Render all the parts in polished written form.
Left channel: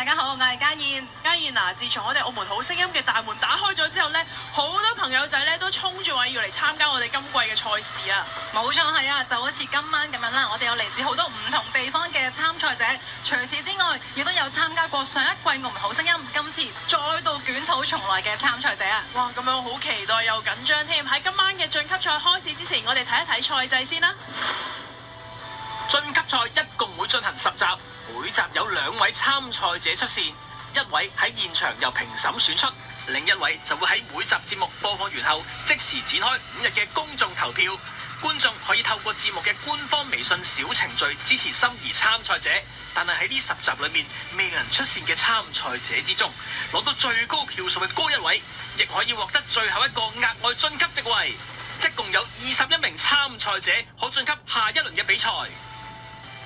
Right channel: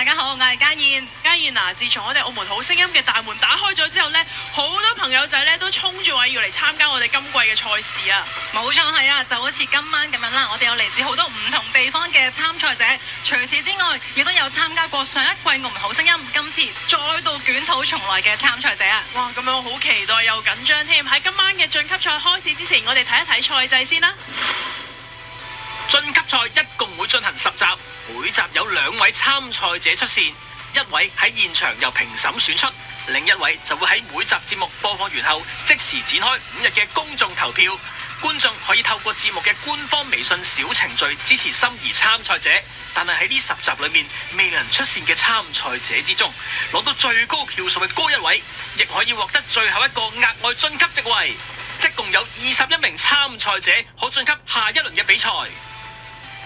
大家好，我係嘉燕。嘉燕嗱，自從我哋澳門好聲音嘅大門打開咗之後呢，好多朋友仔呢都衝住話要嚟參加我哋今季嘅賽事啊！冇錯係啊，就好似今晚咁樣啦，我哋有嚟自好多唔同地方嘅參賽者。除此之外，亦都有參加過上一季澳門好聲音，今次再度捲土重來嘅參賽者啊！哇，咁樣我好期待又緊張添。喺今晚嘅晉級賽開始之前，我哋睇一睇賽制先啦。晉級賽一共會進行10集，每集有2位參賽者出線，一位喺現場由評審選出，另一位就會喺每集節目播放完後即時展開5日嘅公眾投票。觀眾可以透過節目嘅官方微信小程序支持心儀參賽者，但係喺呢10集裏面未能出線嘅參賽者之中，攞到最高票數嘅嗰一位，亦可以獲得最後一個額外晉級席位。即共有21名參賽者可晉級下一輪嘅比賽。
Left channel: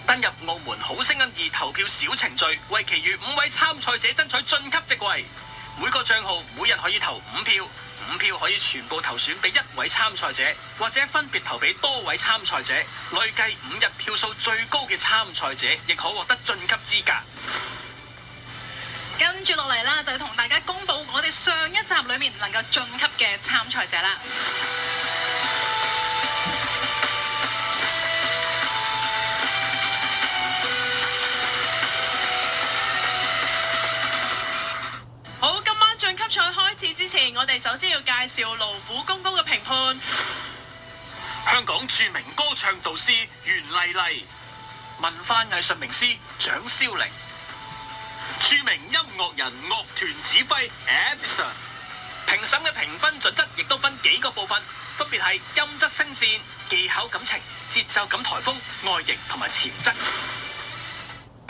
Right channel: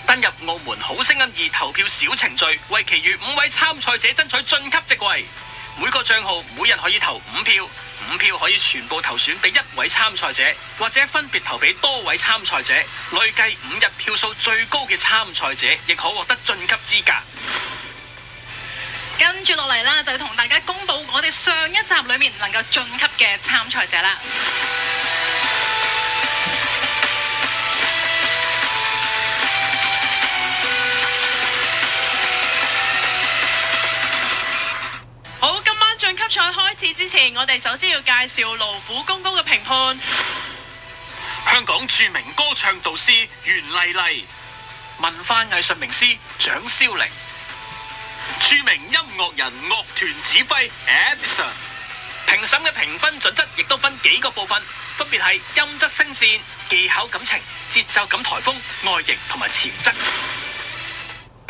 登入澳門好聲音2投票小程序，為其餘5位參賽者爭取晉級席位。每個帳號每日可以投5票，5票可以全部投選俾1位參賽者，或者分別投俾多位參賽者。累計5日票數最高嘅參賽者，亦可獲得晉級資格。跟住落嚟啦，就要同大家公佈我哋上一集裏面能夠晉級嘅參賽者啦。好，今晚晉級賽開始之前，我哋首先要介紹勞苦功高嘅評判。香港著名歌唱導師袁麗麗，文化藝術名師蔣蕭玲，著名音樂人樂團指揮 Edison。評審嘅評分準則亦都分幾個部分，分別係音質聲線、技巧感情、節奏感台風、外形同埋潛質。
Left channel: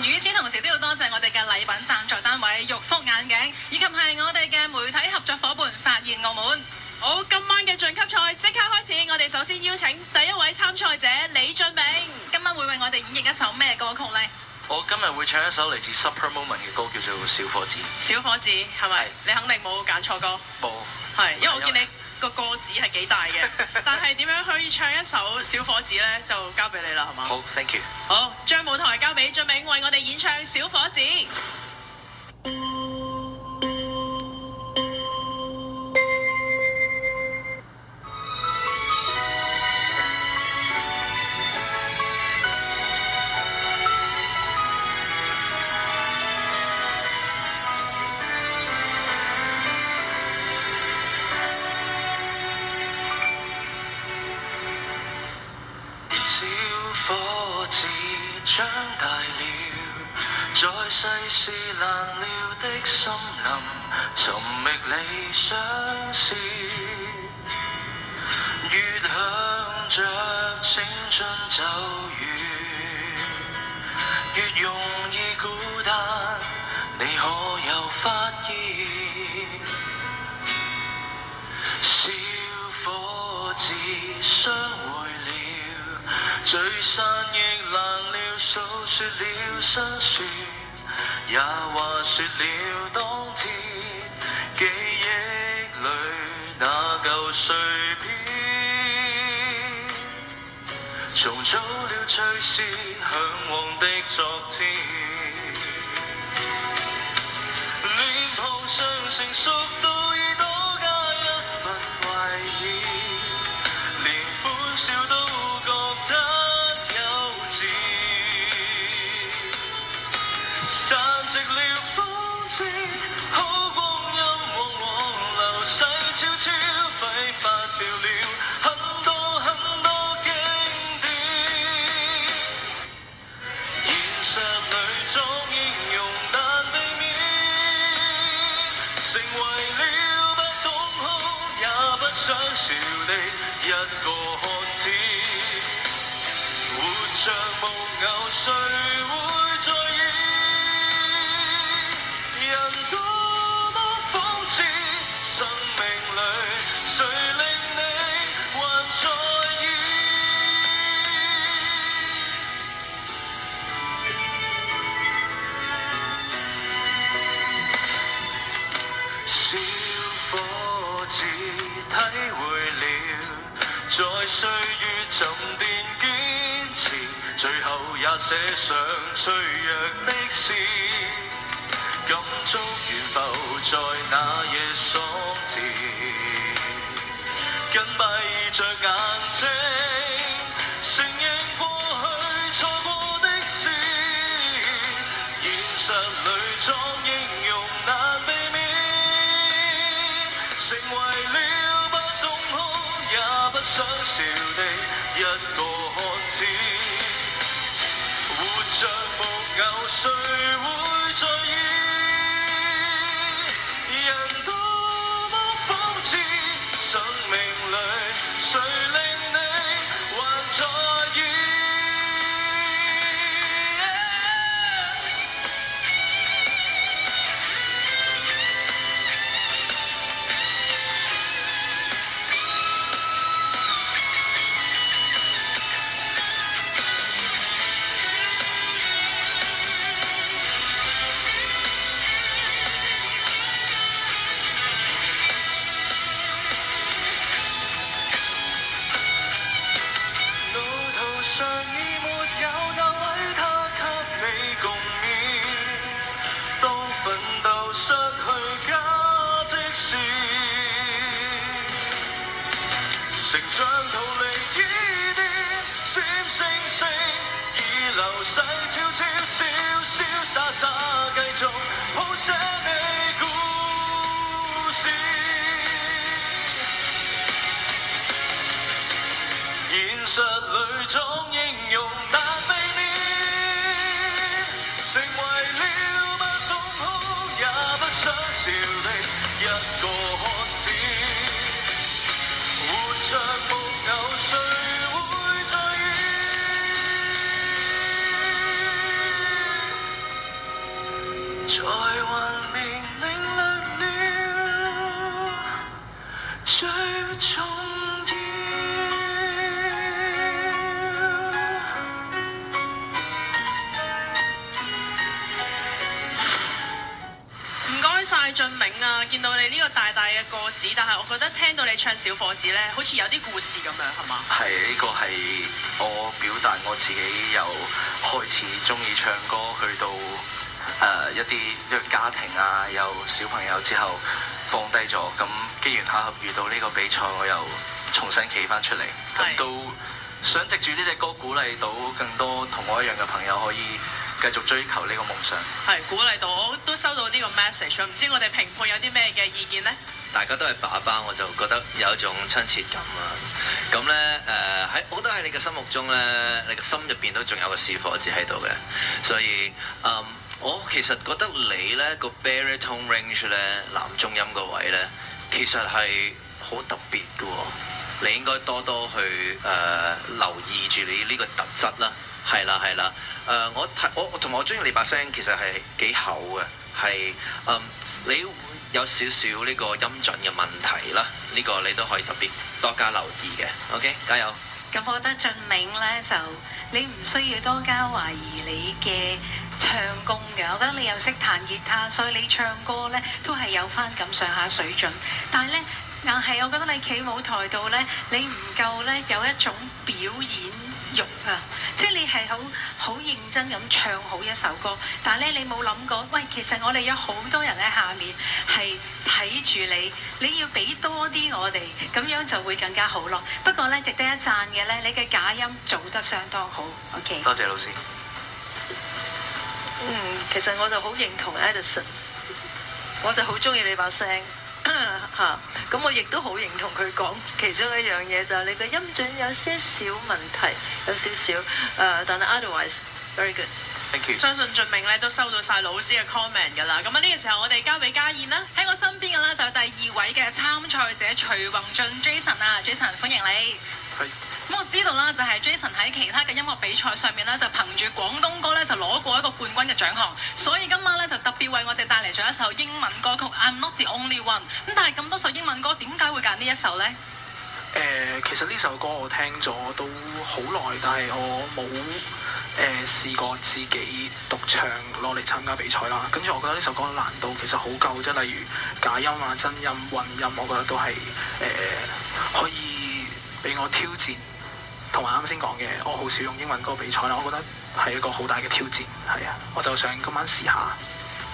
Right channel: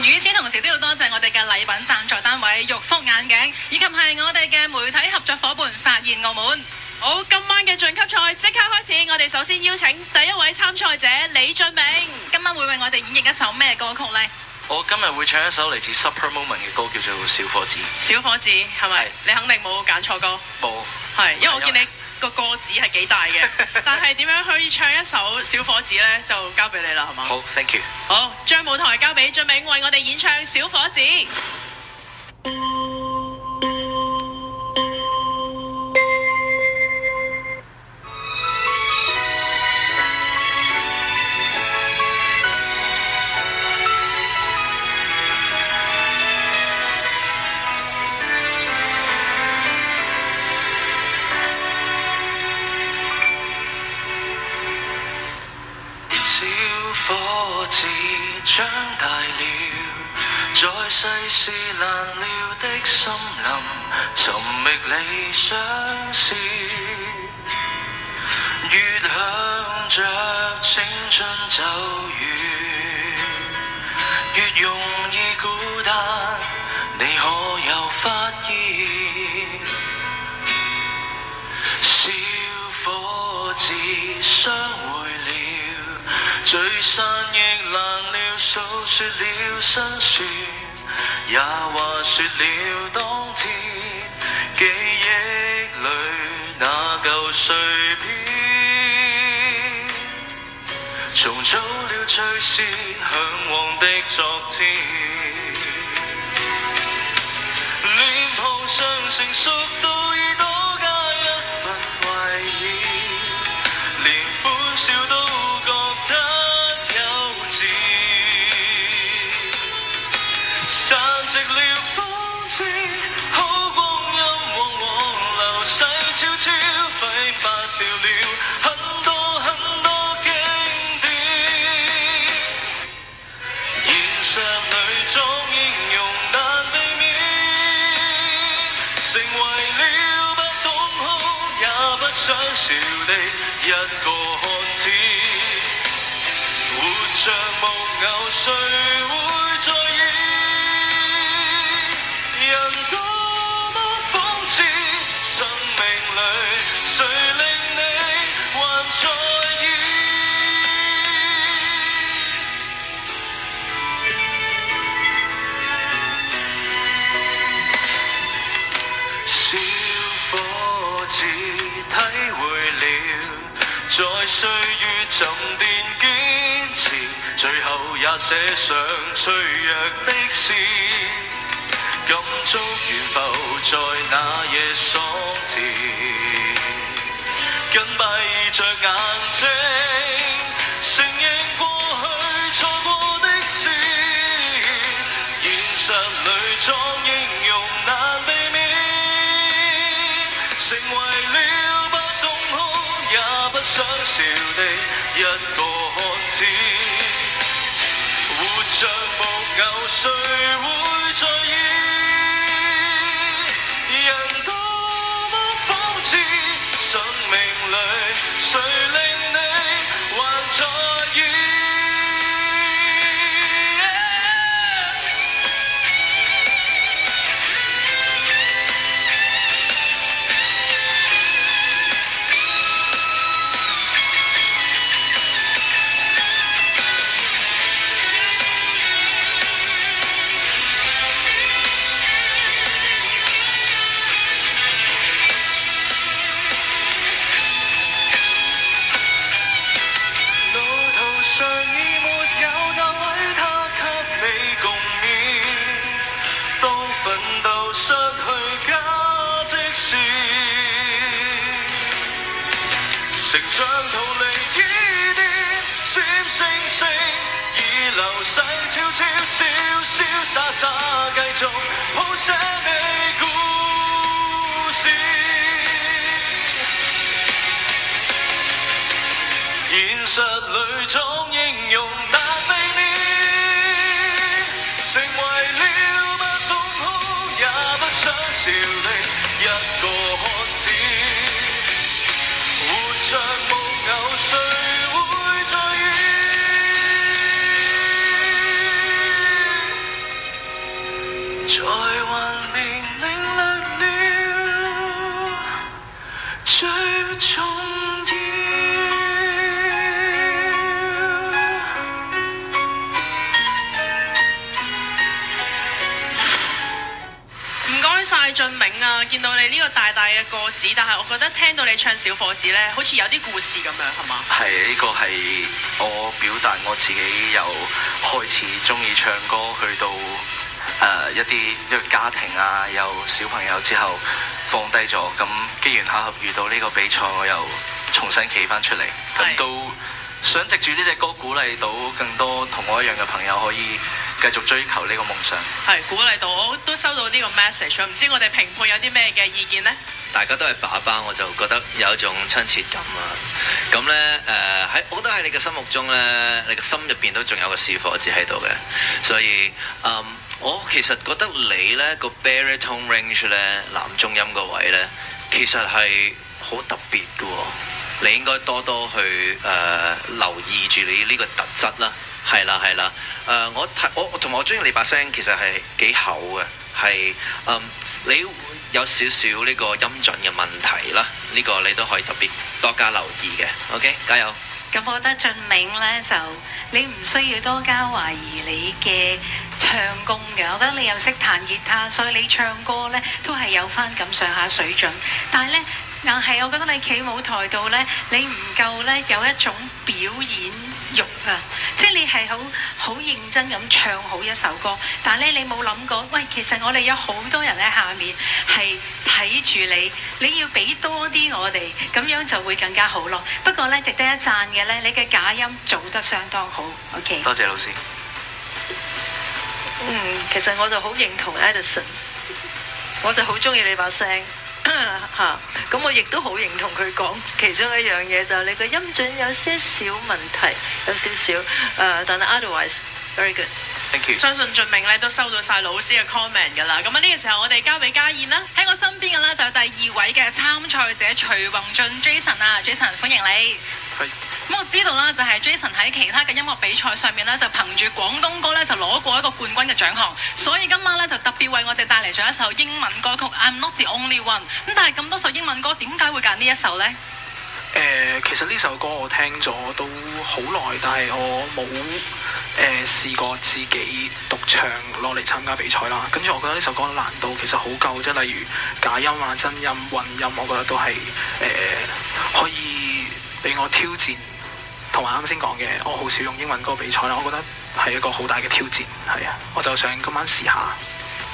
與此同時都要多謝我哋嘅禮品贊助單位玉福眼鏡，以及係我哋嘅媒體合作伙伴發現澳門。好，今晚嘅晉級賽即刻開始，我哋首先邀請第一位參賽者李峻銘。今晚會為我哋演繹一首咩歌曲呢？我今日會唱一首嚟自 Super Moment 嘅歌，叫做《小伙子》。小伙子係咪？你肯定冇揀錯歌。冇。係，因為我見你個個子係幾大嘅，但係點樣可以唱一首小伙子呢？就交俾你啦，係嘛？好 ，thank you。好，將舞台交俾峻銘，為我哋演唱《小伙子》。小伙子長大了，在世事難料的森林，尋覓理想時，越向着青春走遠，越容易孤單，你可有發現？小伙子相會了，聚散亦難料，訴說了辛酸，也話說了當天記憶裏那舊碎片，重組了最是向往的昨天，臉龐上成熟到已多加一份懷念，連歡笑都覺得散席了風姿，好光陰往往流逝悄悄，揮發掉了很多很多經典。現實裏裝英勇難避免，成為了不懂哭也不想笑的一個漢子，活着無偶誰會在意？人多麼諷刺，生命裏誰令你還在意？小伙子體會了，在歲月沉澱堅持，最後也寫上脆弱的詩。感觸懸浮在那夜爽甜，緊閉着眼睛，承認過去錯過的事，現實裏裝英勇難避免，成為了不懂哭也不想笑的一個漢子，活着木偶誰會在意？人多麼諷刺，生命裏誰令你還在意？上已沒有那位他給你共勉，當奮鬥失去價值時，成長逃離伊甸，閃星星已流逝，悄悄瀟瀟灑灑繼續譜寫你故事。現實裏裝英勇難避免，成為了不懂哭也不想笑的一個漢子，活着木偶誰會在意？在幻變領略了最重要。晒俊明啊！見到你呢個大大嘅個子，但係我覺得聽到你唱小伙子咧，好似有啲故事咁樣，係嘛？係，呢個係我表達我自己由開始中意唱歌，去到一個家庭啊，有小朋友之後放低咗，咁機緣巧合遇到呢個比賽，我又重新企翻出嚟，咁都想藉住呢隻歌鼓勵到更多同我一樣嘅朋友可以繼續追求呢個夢想，係鼓勵到我都收到呢個 message， 唔知我哋評判有啲咩嘅意見呢？大家都係爸爸，我就覺得有一種親切感啊！咁呢，我覺得喺你嘅心目中呢，你嘅心入邊都仲有個小伙子喺度嘅，所以我其實覺得你呢個 baritone range 呢，男中音個位呢，其實係好特別嘅喎，你應該多多去留意住你呢個特質啦，係啦係啦。我同埋我中意你把聲其實係幾厚嘅，係你有少少呢個音準嘅問題啦，呢個你都可以特別多加留意嘅。OK， 加油！咁我覺得俊明呢，就你唔需要多加懷疑你嘅唱功嘅，我覺得你又識彈吉他，所以你唱歌呢都係有翻咁上下水準，但係呢，硬係我覺得你企舞台度呢，你唔夠呢有一種表演欲啊！即係你係好認真咁唱好一首歌，但係咧你冇諗過，喂，其實我哋有好多人喺下面係睇住你，你要俾多啲我哋，咁樣就會更加好咯。不過咧，值得一讚嘅咧，你嘅假音做得相當好。OK， 多謝老師。其實我就好認同 Edison， 我就好中意你把聲。咁我亦都好認同佢講其中一樣嘢，就係你個音準有些少問題，有少少但係 otherwise very good。Thank you。相信俊明咧都收到晒老師嘅 comment 㗎啦。咁啊呢個時候我哋交俾家燕啦。喺我身邊嘅咧就有第二位嘅參賽者徐宏俊 Jason 啊 ，Jason 歡迎你。係。咁我知道啦，就係 Jason 喺其他嘅音樂比賽上面咧，就憑住廣東歌咧就攞過一個冠軍嘅獎項，所以今晚咧就特別為我哋帶嚟咗一首英文歌曲《I'm Not the Only One》。咁但係咁多首英文歌，點解會揀呢一首呢？其實呢首歌我聽咗都好耐，但係我冇試過自己獨唱攞嚟參加比賽啦。跟住我覺得呢首歌難度其實好夠，即係例如假音啊、真音、混音，我覺得都係可以俾我挑戰。同埋啱先講嘅，我好少用英文歌比賽啦，我覺得係一個好大嘅挑戰，係啊，我就想今晚試下。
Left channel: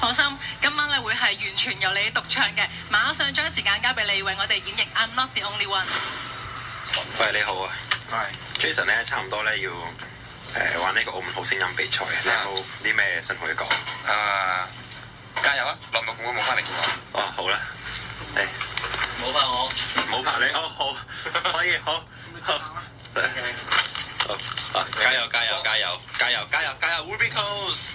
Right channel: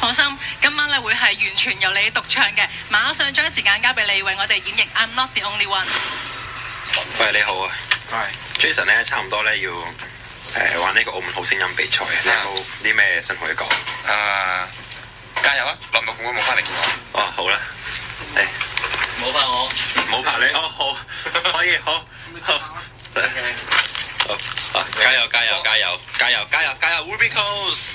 放心，今晚咧會係完全由你獨唱嘅，馬上將時間交俾你為我哋演繹 I'm Not the Only One。喂，你好啊，係 Jason 咧，差唔多咧要玩呢個澳門好聲音比賽，你有冇啲咩想同佢講？加油啊！耐冇冇翻嚟見我。哦，好啦，誒，冇拍我，冇拍你，哦好，可以，好，好，好，加油加油加油加油加油加油 ，Ruby Coast！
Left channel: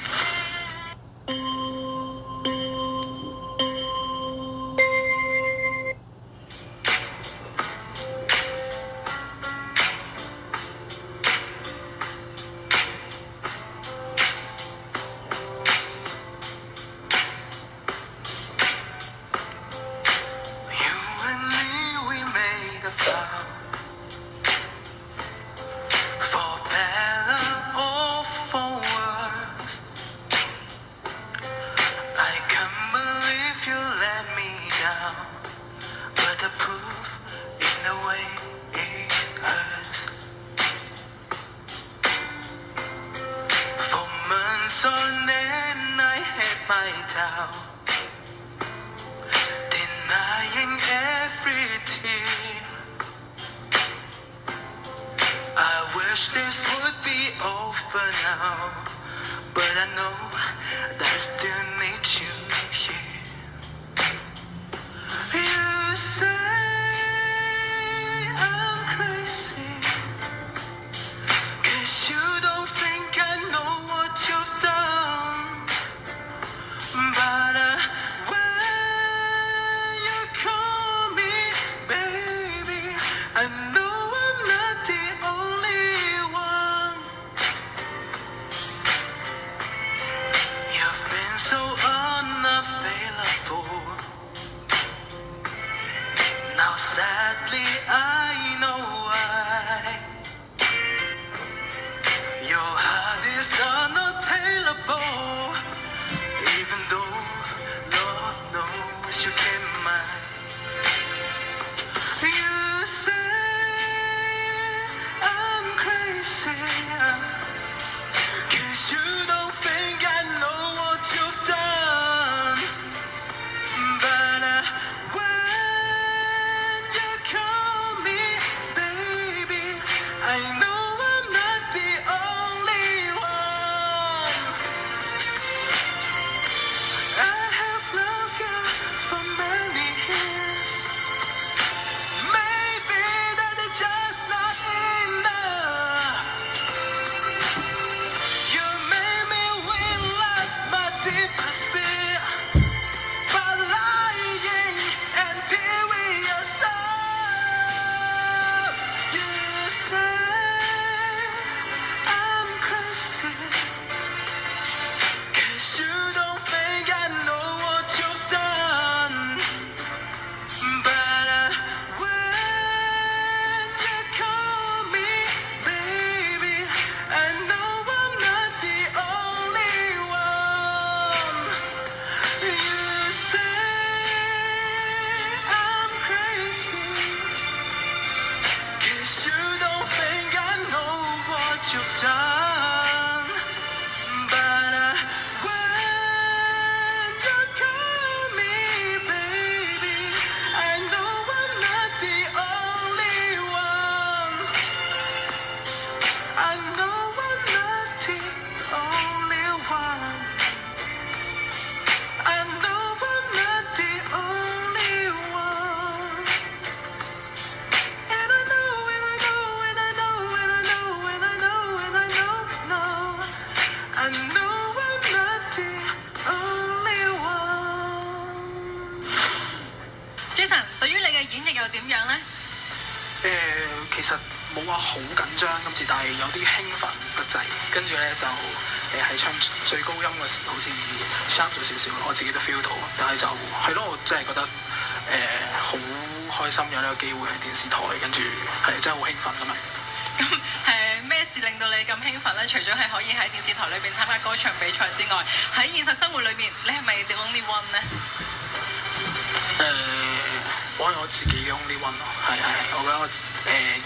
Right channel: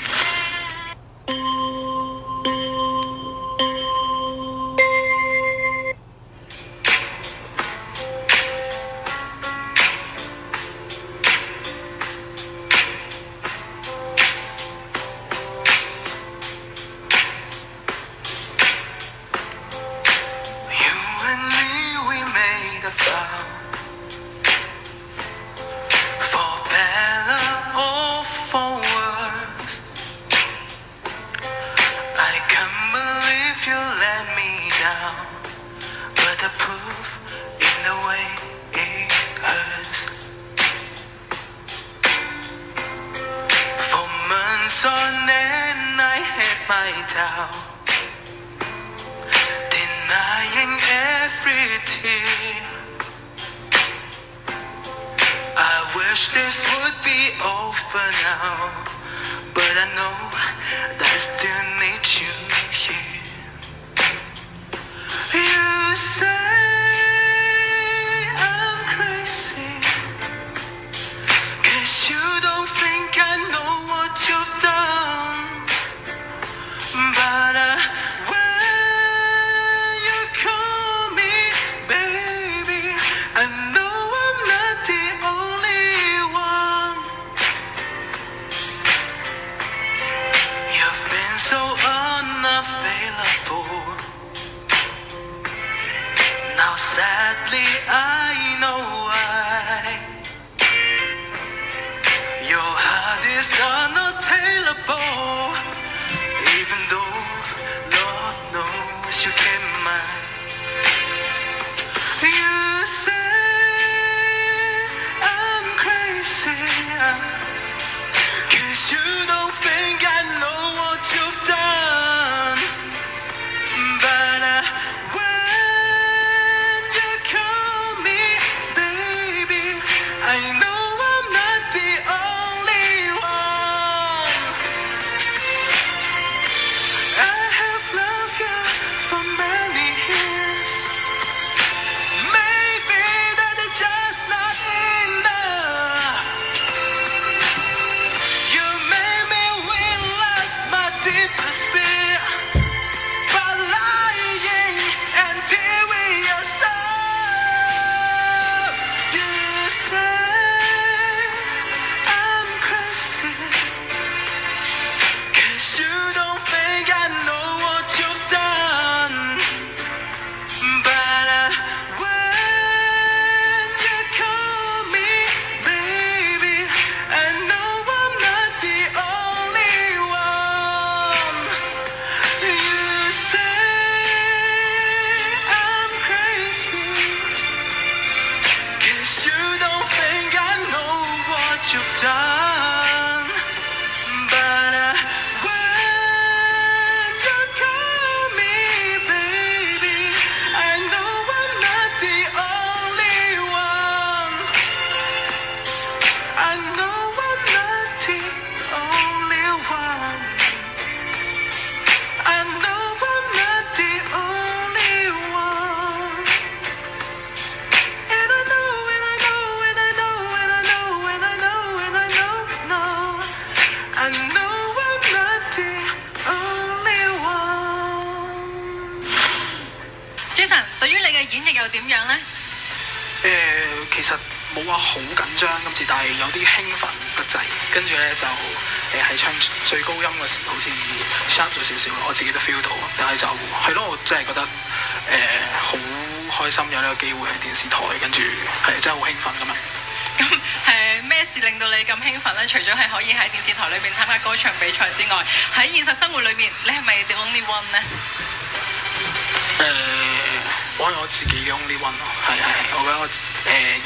其實冇話好緊張今次，但係有啲興奮不滯，跟住咧就係唱最高音嘅時候好似 sharp 咗少少，我自己都 feel 到，但係就係咯，我真係覺得好開心有呢個機會喺電視台，跟住係真係好興奮咁樣。咁咩事令到你咁興奮咧？除咗係可以喺電視台裏邊參加歌唱比賽之外，喺現實生活裏面，你係咪 the only one 咧？我係我自己嘅 only one 咯，係，我覺得我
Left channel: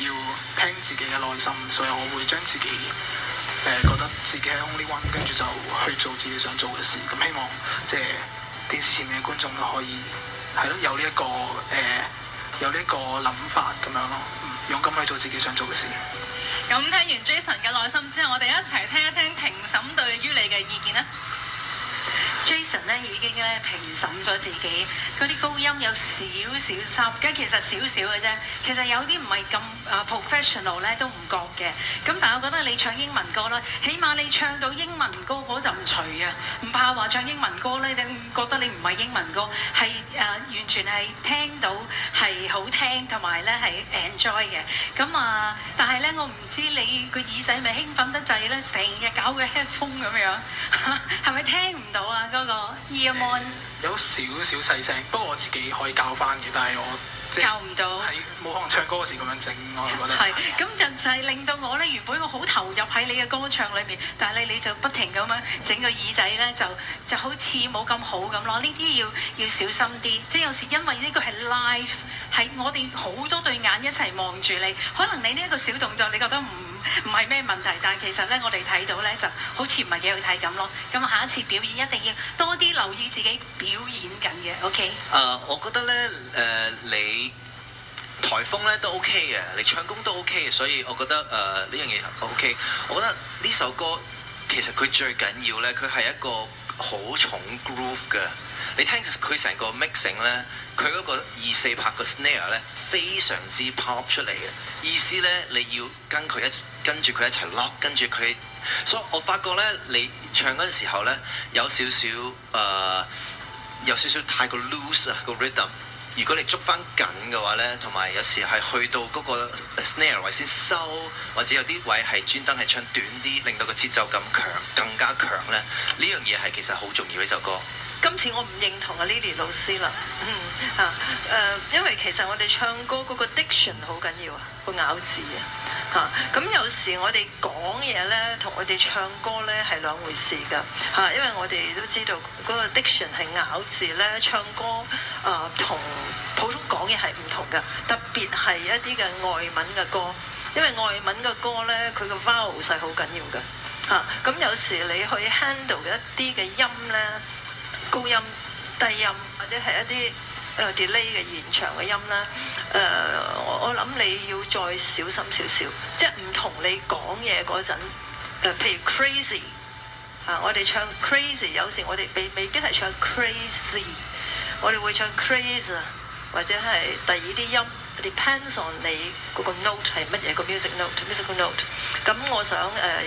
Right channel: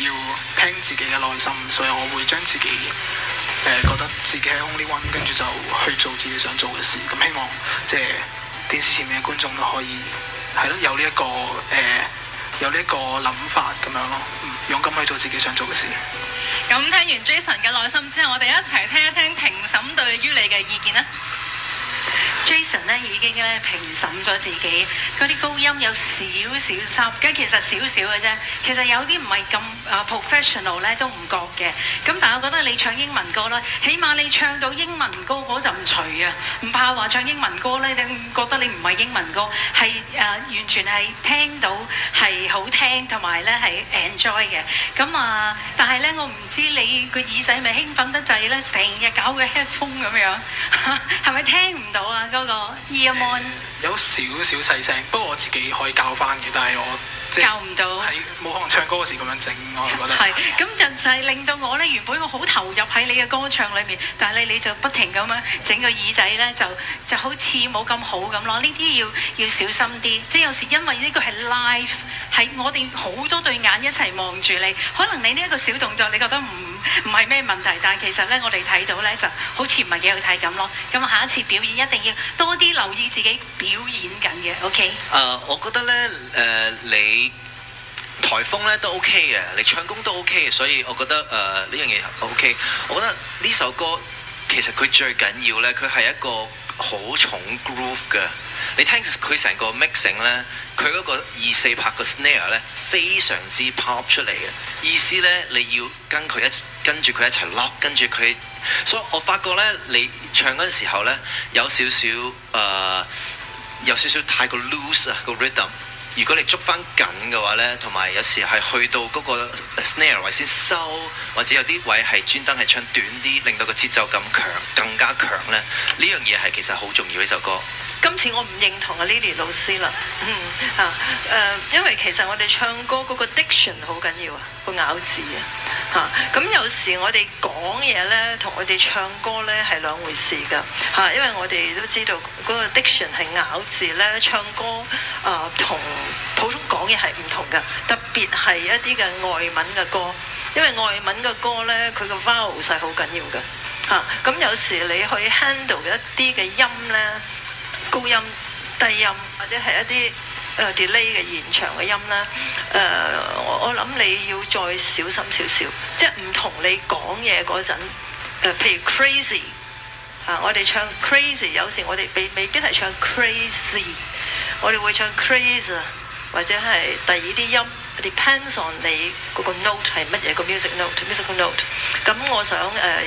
要聽自己嘅內心，所以我會將自己覺得自己係 only one，跟住就去做自己想做嘅事。咁希望即係電視前面嘅觀眾都可以係咯，有呢一個諗法咁樣咯，勇敢去做自己想做嘅事。咁聽完 Jason 嘅內心之後，我哋一齊聽一聽評審對於你嘅意見啦。Jason 咧已經咧評審咗自己嗰啲高音有少少濕，咁其實少少嘅啫。其實有啲唔係咁professional 咧都唔覺嘅。咁但係我覺得你唱英文歌咧，起碼你唱到英文歌嗰陣除啊，唔怕話唱英文歌咧，你覺得你唔係英文歌，係完全係聽到係好聽，同埋咧係 enjoy 嘅。咁但係咧我唔知你個耳仔咪興奮得滯咧，成日搞個 headphone 咁樣，係咪聽唔到啊？嗰個 earphone 有少少細聲，不過我自己可以教翻嘅，但係我教唔到，係冇可能唱歌嗰時咁樣整，我覺得係咁就係令到我咧原本我好投入喺你嘅歌唱裏面，但係你就不停咁樣整個耳仔咧就好似冇咁好咁咯。呢啲要小心啲，即係有時因為呢個係 live， 係我哋好多對眼一齊望住你，可能你呢一個小動作你覺得唔係咩問題，但係其實咧我哋睇到咧就好似唔係幾好睇咁咯。咁下一次表演一定要多啲留意自己表演緊嘅 ，OK？ 我覺得咧你台風咧都 OK 嘅，你唱功都 OK 嘅，所以我覺得呢樣嘢 OK。我覺得呢首歌其實佢最緊要咧，佢係一個好重 groove 嘅。你聽佢成個 mixing 咧，佢嗰個2/4拍個 snare 咧非常之 pop 出嚟嘅。意思咧你要跟住佢一齊 lock， 跟住佢，所以我發覺咧你唱嗰陣時候咧有少少太過 loose 啊個 rhythm。如果你捉翻緊嘅話咧，同埋有時係去到嗰個 snare 位先收，或者有啲位係專登係唱短啲，令到個節奏感更加強咧。呢樣嘢係其實好重要呢首歌。今次我唔認同阿 Lily 老師啦，因為其實我哋唱歌嗰個 diction 好緊要啊，個咬字啊，咁有時我哋講嘢咧，同我哋唱歌咧係兩回事㗎，因為我哋都知道嗰個 diction 係咬字咧，唱歌同普通講嘢係唔同㗎，特別係一啲嘅外文嘅歌，因為外文嘅歌咧，佢個 vowel 係好緊要㗎，咁有時你去 handle 一啲嘅音咧。高音、低音或者係一啲delay 嘅延長嘅音啦，我諗你要再小心少少，即係唔同你講嘢嗰陣，譬如 crazy，我哋唱 crazy， 有時我哋未必係唱 crazy， 我哋會唱 crazy， 或者係第二啲音。Depends on 你嗰個 note 係乜嘢個 musical note。咁我想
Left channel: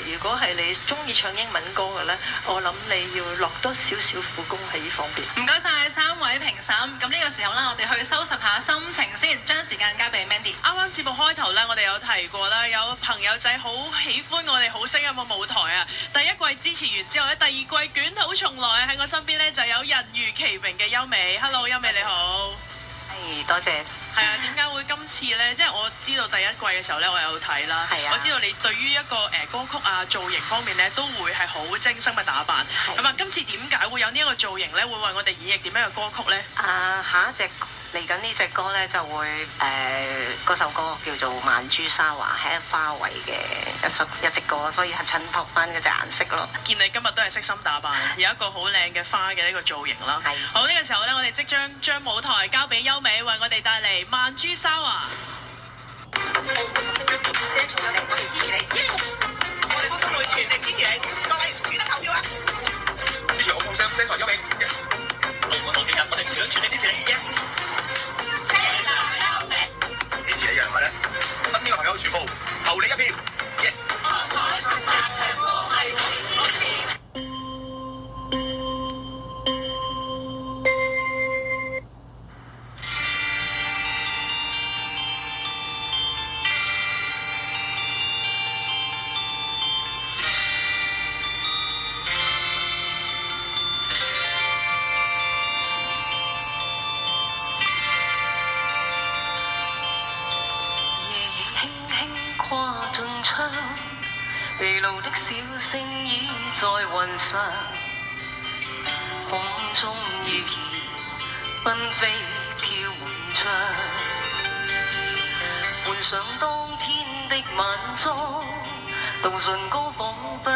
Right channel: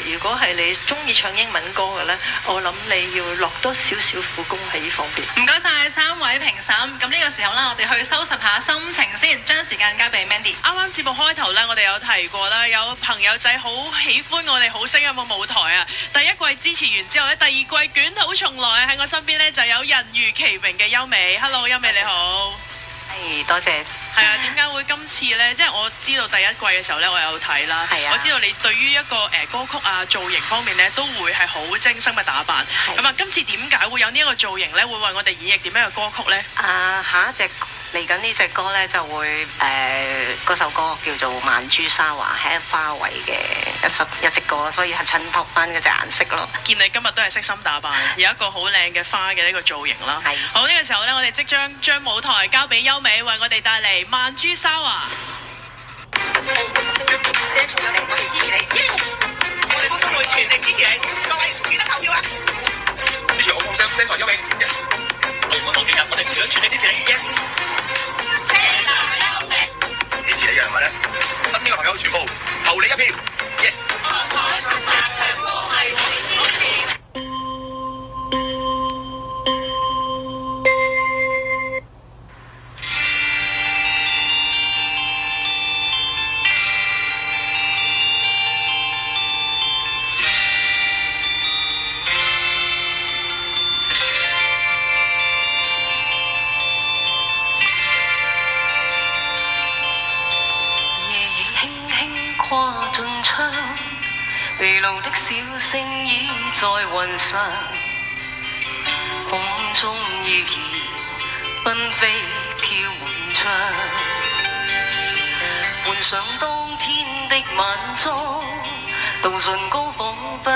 如果係你中意唱英文歌嘅咧，我諗你要落多少少苦功喺呢方面。唔該晒3位評審。咁呢個時候啦，我哋去收拾下心情先，將時間交俾 Mandy。啱啱節目開頭咧，我哋有提過啦，有朋友仔好喜歡我哋好聲音嘅舞台啊！第一季支持完之後咧，第二季捲土重來，喺我身邊咧就有人如其名嘅優美。Hello， 優美你好。係，多謝。係啊，點解會今次呢？即係我知道第一季嘅時候呢，我有睇啦。係啊。我知道你對於一個歌曲啊造型方面呢，都會係好精心嘅打扮。咁啊，今次點解會有呢一個造型呢？會為我哋演繹點樣嘅歌曲呢？下一隻嚟緊呢隻歌呢，就會嗰首歌叫做《曼珠沙華》，係花卉嘅一隻歌，所以係襯托翻嗰隻顏色咯。見你今日都係悉心打扮，有一個好靚嘅花嘅呢個造型啦。係。好，呢個時候呢，我哋即將舞台交俾優美，為我哋帶嚟《曼珠沙華》。謝重有嚟，我哋支持你。我哋開心會全力支持你，各位記得投票啊！支持我夢想聲台優美。Yes。我同證人，我哋想全力支持你。Yes。支持你嘅人物咧，身邊嘅朋友全部投你一票。Yes。跨進窗，地路的小聲已在雲上，空中謠言紛飛飄滿窗，換上當天的晚裝，道盡高仿佛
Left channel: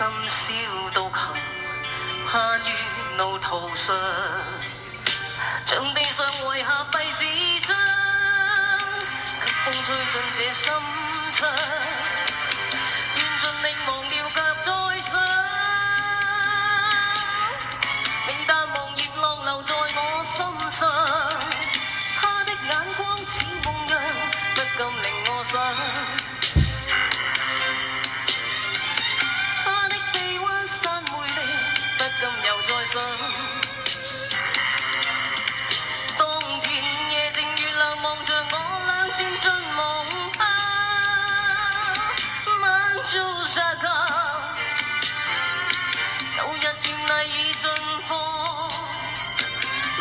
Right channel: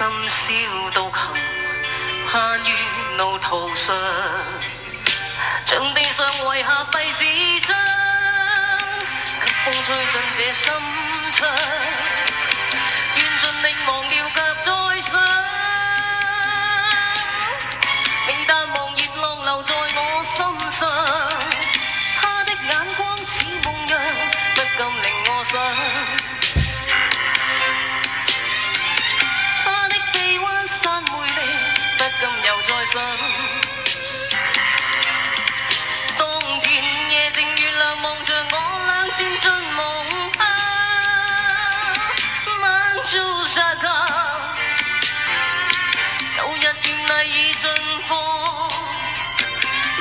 深宵獨行，攀於路途上，像地上遺下廢紙張，給風吹進這心窗，願盡力忘掉腳再想，未淡忘熱浪留在我心上，他的眼光似夢樣，不禁令我想。再想，當天夜靜月亮望着我倆漸進夢鄉，漫住沙卡，舊日豔麗已盡放，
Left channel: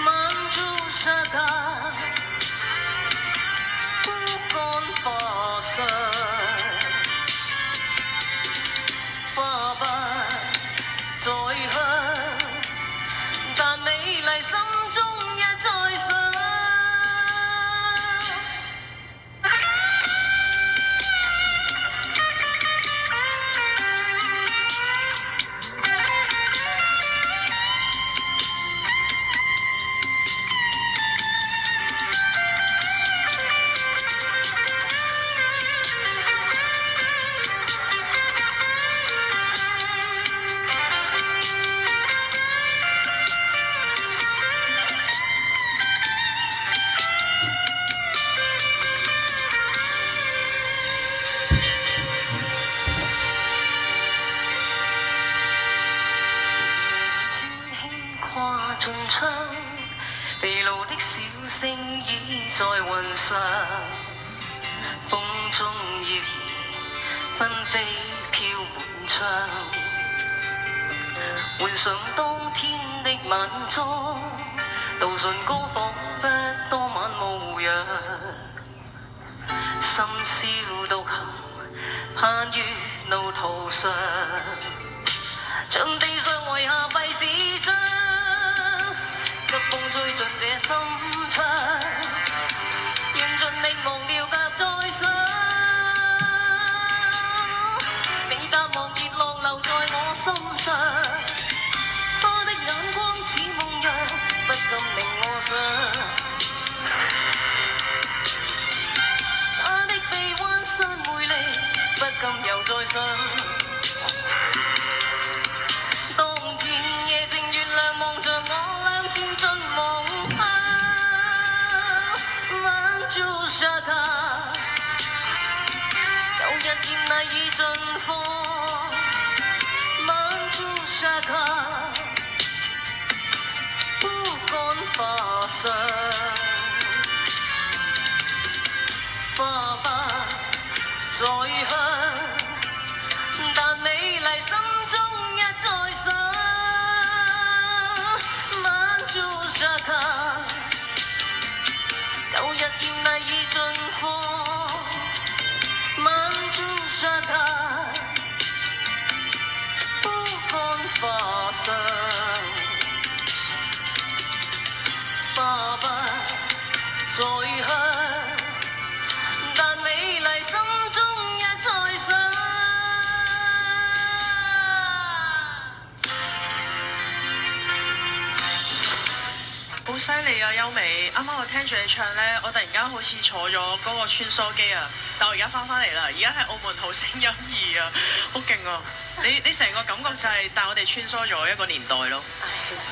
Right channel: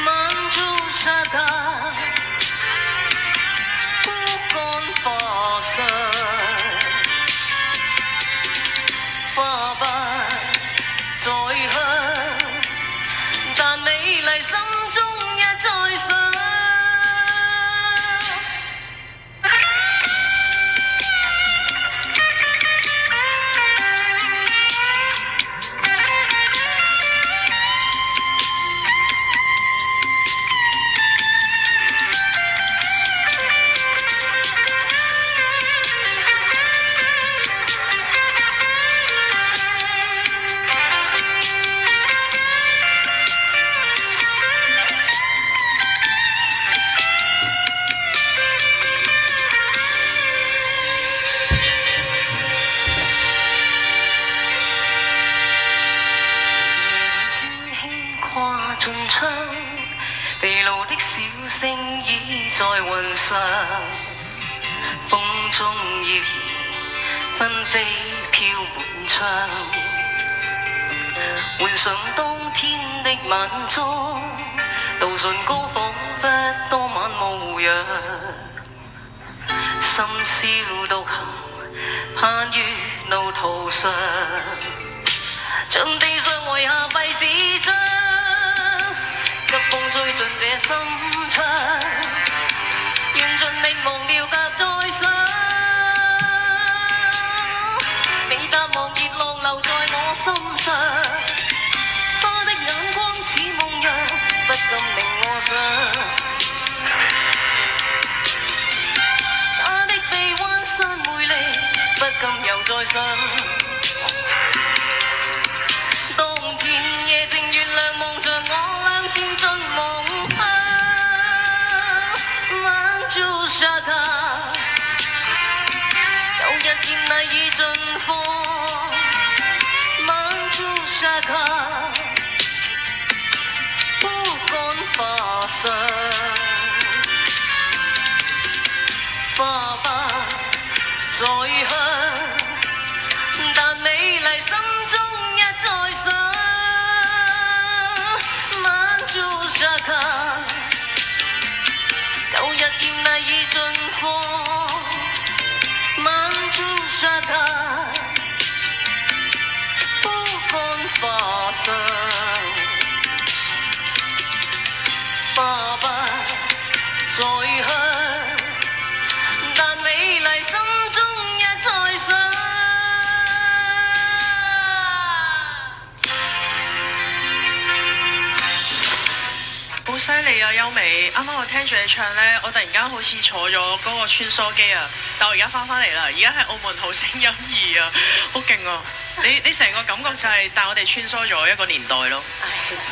漫住沙卡，枯乾花上，花不再香。但美麗心中一再想，盡窗，地路的小聲已在雲上，風中謠兒紛飛飄滿窗，換上當天的晚裝，道順高仿佛多晚無恙，深宵獨行，攀於路途上，像地上遺下廢紙張。急風吹進這心窗，願盡力忘掉夾再想，未淡忘熱浪留在我心上，他的眼光似夢樣，不禁令我想，他的臂彎山魅力，不禁又再想。當天夜靜月亮望着我倆漸進夢鄉，漫住沙卡，舊日豔麗已盡放，漫住沙卡，枯乾花上，花不再香，但美麗心中一再想，漫住沙卡，舊日豔麗已盡放，漫住沙卡，枯乾花上，花不再香，但美麗心中一再想。好犀利啊，優美！啱啱我聽住你唱呢，我突然間好似坐咗嗰個穿梭機啊！但我而家翻返嚟啦，而家係澳門好聲音2啊，好勁啊！你成個感覺就係帶我哋穿梭咗一個年代咯。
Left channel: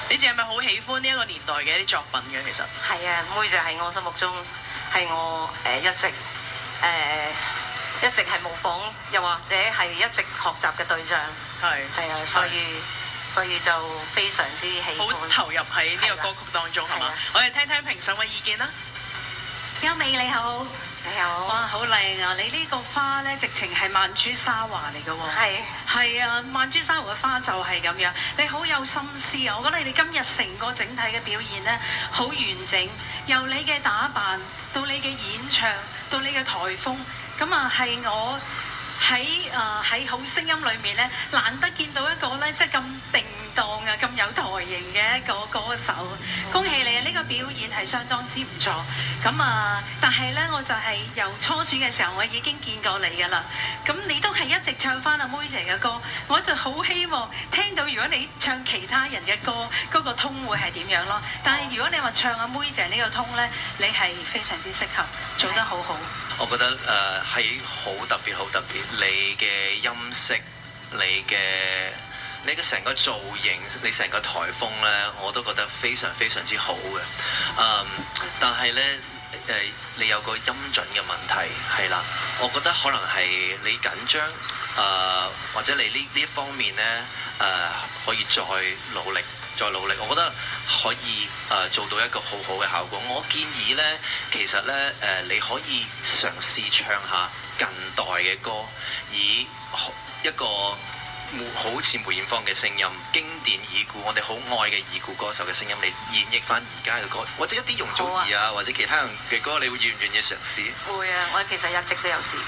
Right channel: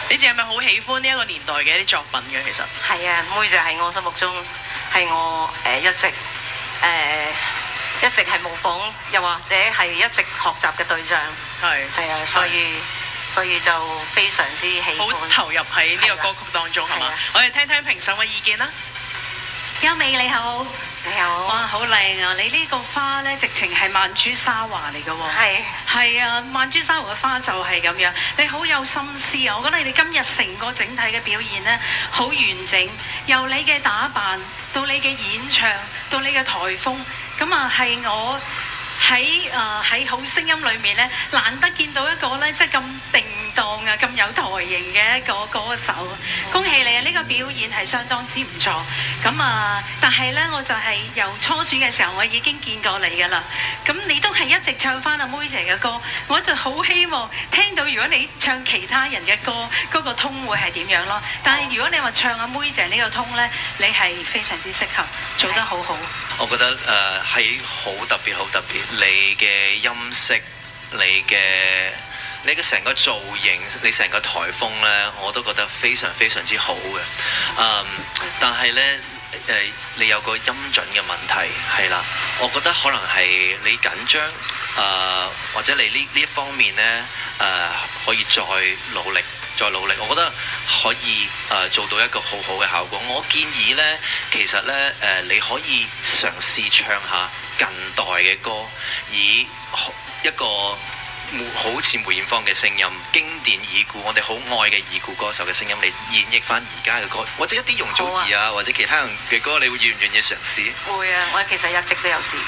你哋係咪好喜歡呢一個年代嘅一啲作品嘅？其實係啊，妹就喺我心目中係我一直係模仿，又或者係一直學習嘅對象。係啊，所以就非常之喜歡，好投入喺呢個歌曲當中，係嘛？我哋聽聽評審嘅意見啦。優美你好，你好，哇好靚啊！你呢個花咧，直情係曼珠沙華嚟嘅喎。係啊，曼珠沙華嘅花就係咁樣，你好有心思啊！我覺得你哋今日成個整體嘅表現咧，好完整，由你嘅打扮到你嘅演唱到你嘅台風，咁啊係我喺好聲音裏面咧，難得見到一個咧即係咁定當啊、咁有台型嘅一個歌手。恭喜你啊！呢個表現係相當之唔錯。咁啊，但係咧我就係由初選嘅時候我已經見過你㗎啦。咁你都係一直唱翻阿妹姐嘅歌，我就好希望聽到如果你唱其他人嘅歌，嗰個通會係點樣咯。但係如果你話唱阿妹姐呢個通咧，你係非常之適合，做得好好。我覺得係好特別，好特別。你嘅音色，你嘅成個造型，你成個台風咧，我都覺得非常非常之好嘅。但係咧你有個音準嘅問題係啦，我覺得可能係你緊張或者你呢一方面咧可以再努力。我覺得可以做到一個好好嘅效果。我建議呢，其實呢，你可以嘗試唱下近代嘅歌，以一個好似梅艷芳嘅聲音，經典已故，我哋好愛嘅已故歌手嘅聲音，你演繹翻而家嘅歌，或者一啲容祖兒啊，或者其他人嘅歌，你會願唔願意嘗試？會啊！我其實一直都有試嘅。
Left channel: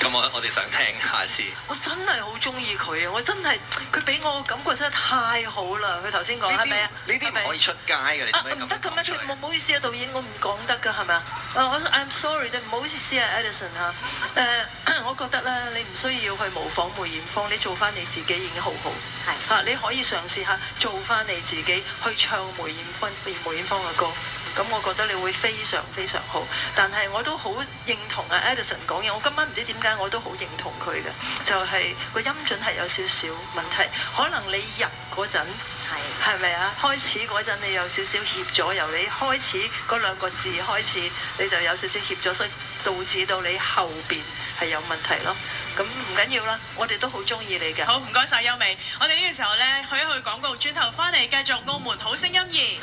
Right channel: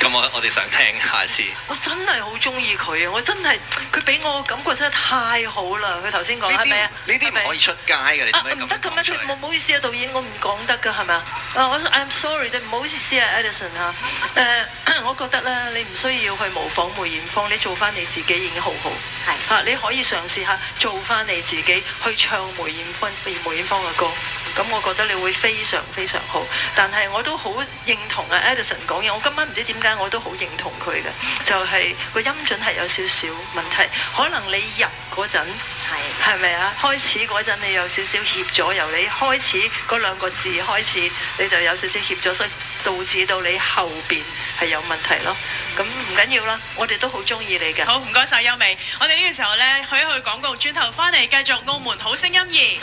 咁我哋想聽下次。我真係好中意佢啊！我真係佢俾我感覺真係太好啦！佢頭先講係咪啊？呢啲唔可以出街嘅，你點解咁講出嚟？唔得咁樣，唔好意思啊，導演，我唔講得㗎，係咪啊？I'm sorry，唔好意思啊 ，Edison 嚇。我覺得咧，你唔需要去模仿梅艷芳，你做翻你自己已經好好。係嚇，你可以嘗試下做翻你自己，去唱梅艷芳嘅歌。咁我覺得你會非常非常好，但係我都好認同啊 Edison 講嘢，我今晚唔知點解我都好認同佢嘅，就係個音準係有少少問題，可能你入嗰陣係咪啊？開始嗰陣你有少少協咗，由你開始嗰兩個字開始，你就有少少協咗，所以導致到你後邊係有問題咯。咁唔緊要啦，我哋都好中意你嘅。好，唔該晒優美。我哋呢個時候咧去一去廣告，轉頭翻嚟繼續澳門好聲音2。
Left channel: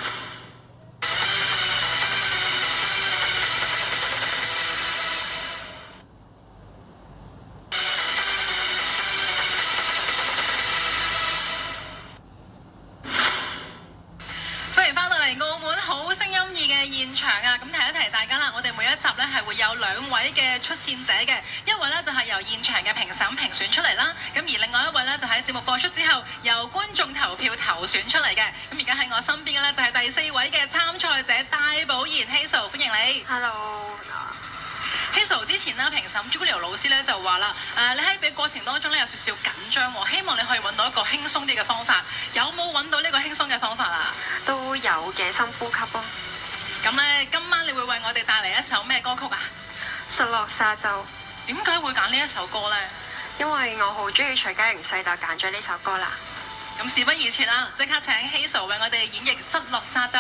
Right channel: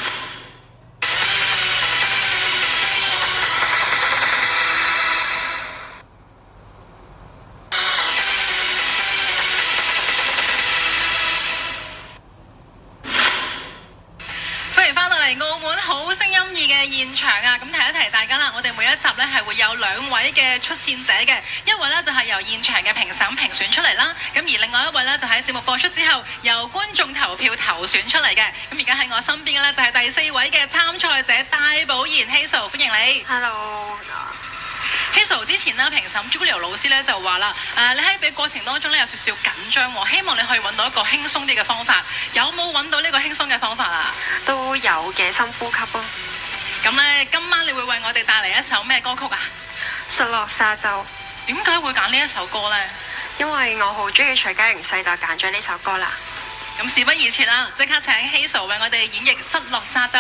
澳門好聲音2嘅現場啊，咁提一提大家啦，我哋每一集咧係會有2位嘅出線者嘅，一位咧就係由現場嘅評審評選出嚟啦，咁而另外一位咧就喺節目播出之後由觀眾投票投選出嚟嘅，咁而家喺我身邊嘅咧就係第4位嘅參賽者戴寶賢 Hazel， 歡迎你。Hello。Hazel 之前咧評審 Julia 老師咧就話啦，你喺比過程當中咧有少少緊張喎，希望你可以揾到一個輕鬆啲嘅方法，有冇揾到呢個輕鬆嘅方法啊？都有嘅，深呼吸咯。咁咧，今晚你會為我哋帶嚟一首咩歌曲啊？失落沙洲。點解會揀呢一首歌呢？因為我好中意徐佳瑩，所以就揀咗呢首歌啦。咁事不宜遲啦，即刻請 Hazel 為我哋演繹《失落沙洲》。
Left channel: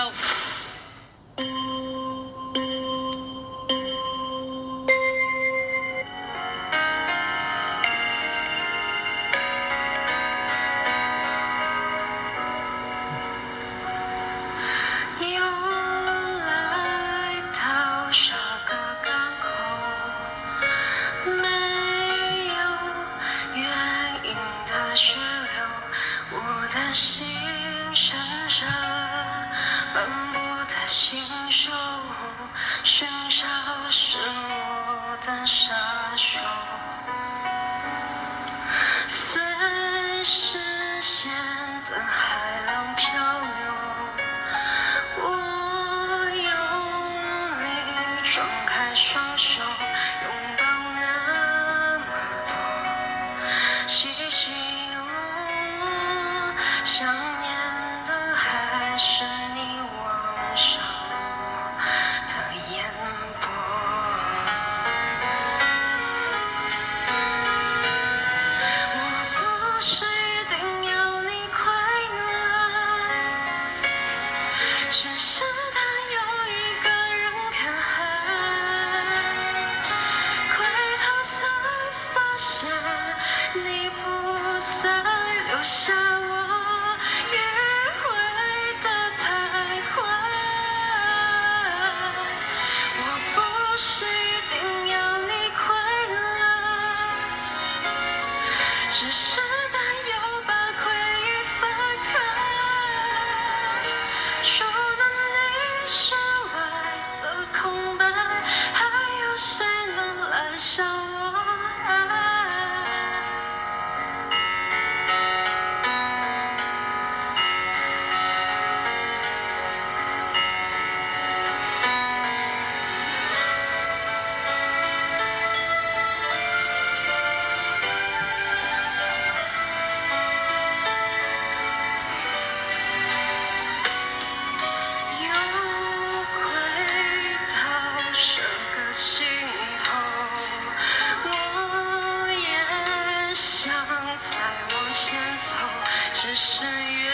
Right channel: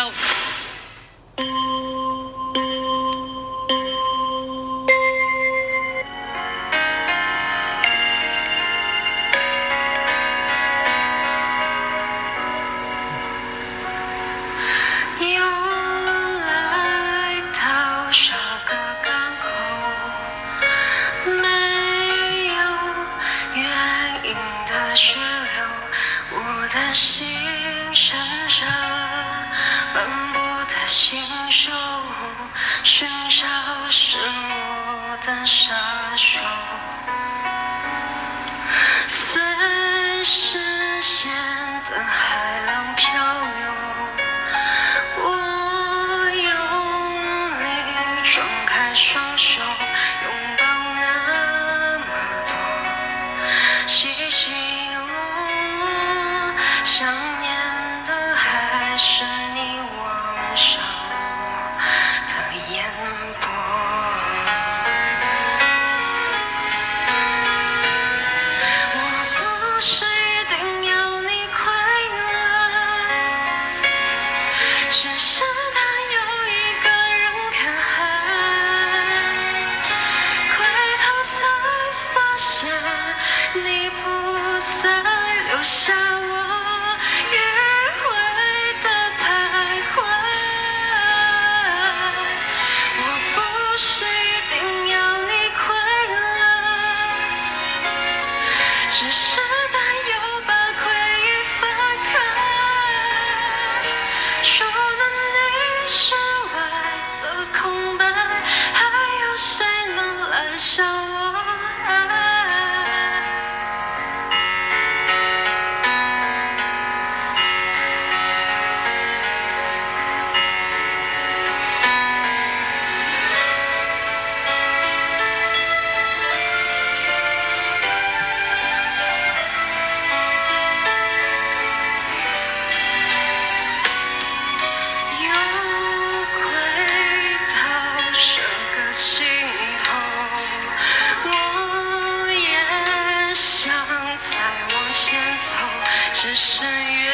只剩越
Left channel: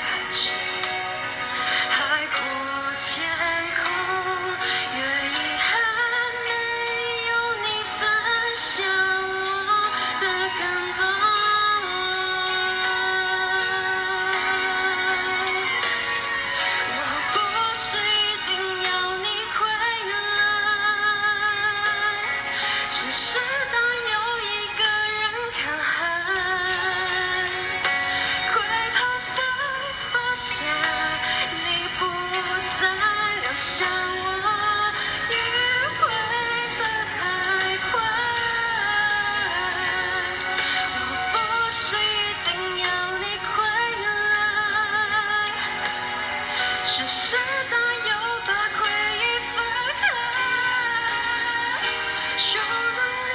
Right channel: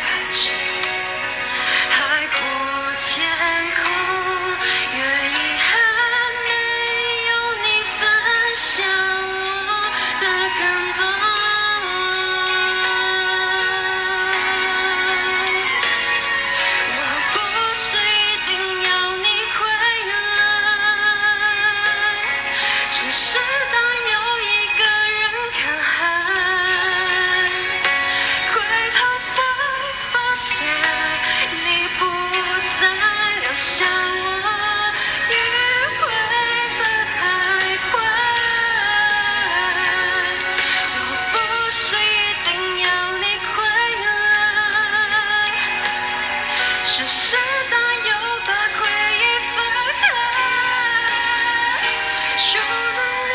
看清海阔天空，越遗憾没有你分享我的感动。我不是一定要你回来，只是当有一个人看海，回头才发现你不再留下我迂回的徘徊。我不是一定要你回来，只是当又把回忆分开，除了你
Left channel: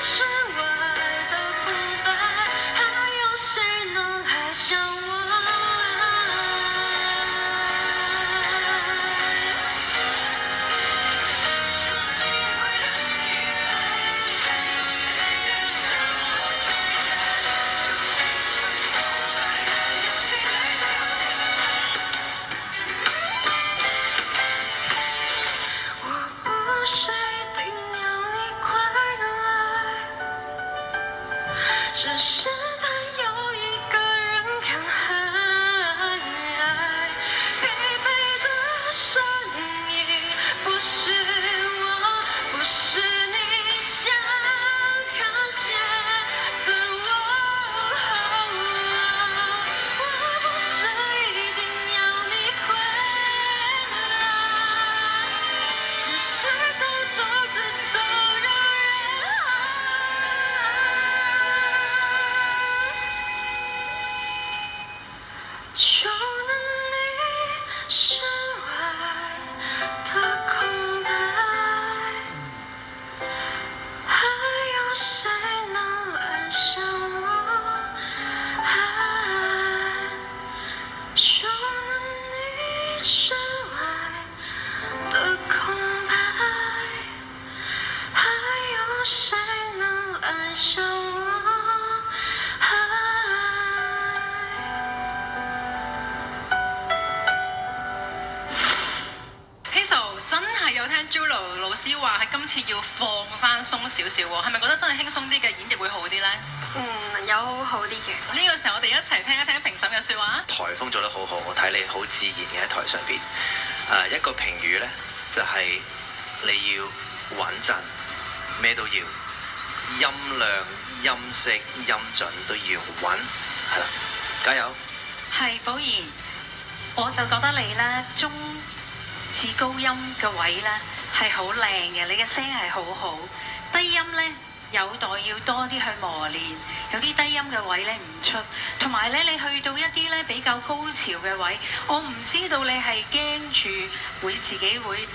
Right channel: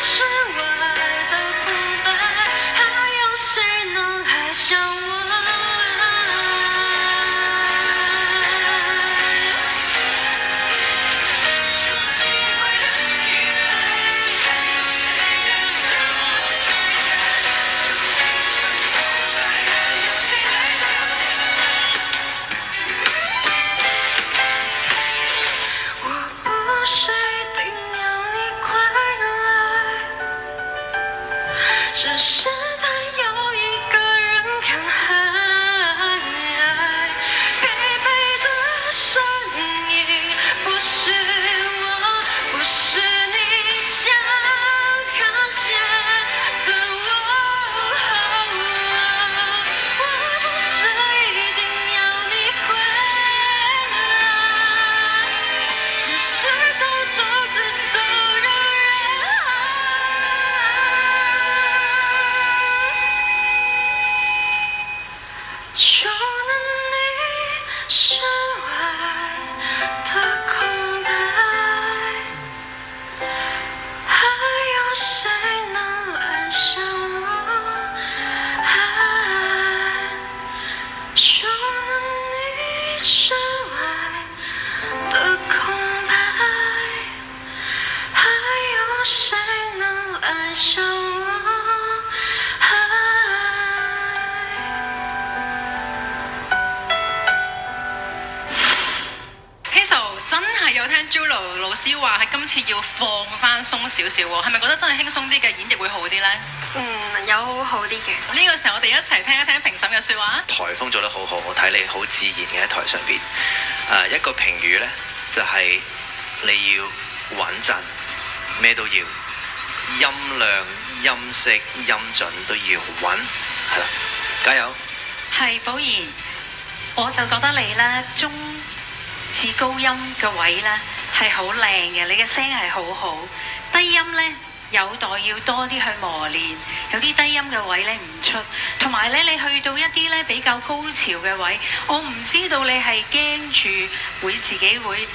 之外的空白，还有谁能爱上我？我不是一定要你回来，只是当有一个人看海，疲惫的身影不是我，不是你想看见的我。我不是一定要你回来，只是当独自走入人海，除了你之外的空白，还有谁能爱上我？除了你之外的空白，还有谁能爱上我？Hazel 真係有聽 Julo 老師話係今次要放翻鬆少少喎，係咪覺得真係輕鬆啲嘅演繹會好啲呢？有好啲嘅。呢個時候我哋一齊聽一聽評審嘅説話。台風做得好好，我睇你好自然嘅喺台上邊。一個評語呢，就係、你要穩陣，咩都要，音量、音色、音準都要穩，係啦，加油！係寶賢，我就覺得你咧中至高音嘅位咧係好靚嘅，你嘅聲係好好，低音咧有待要多啲去磨練，有啲低音嘅位咧唔出，同埋咧你去到一啲咧比較高潮嘅位，我唔知道你係驚住會自己會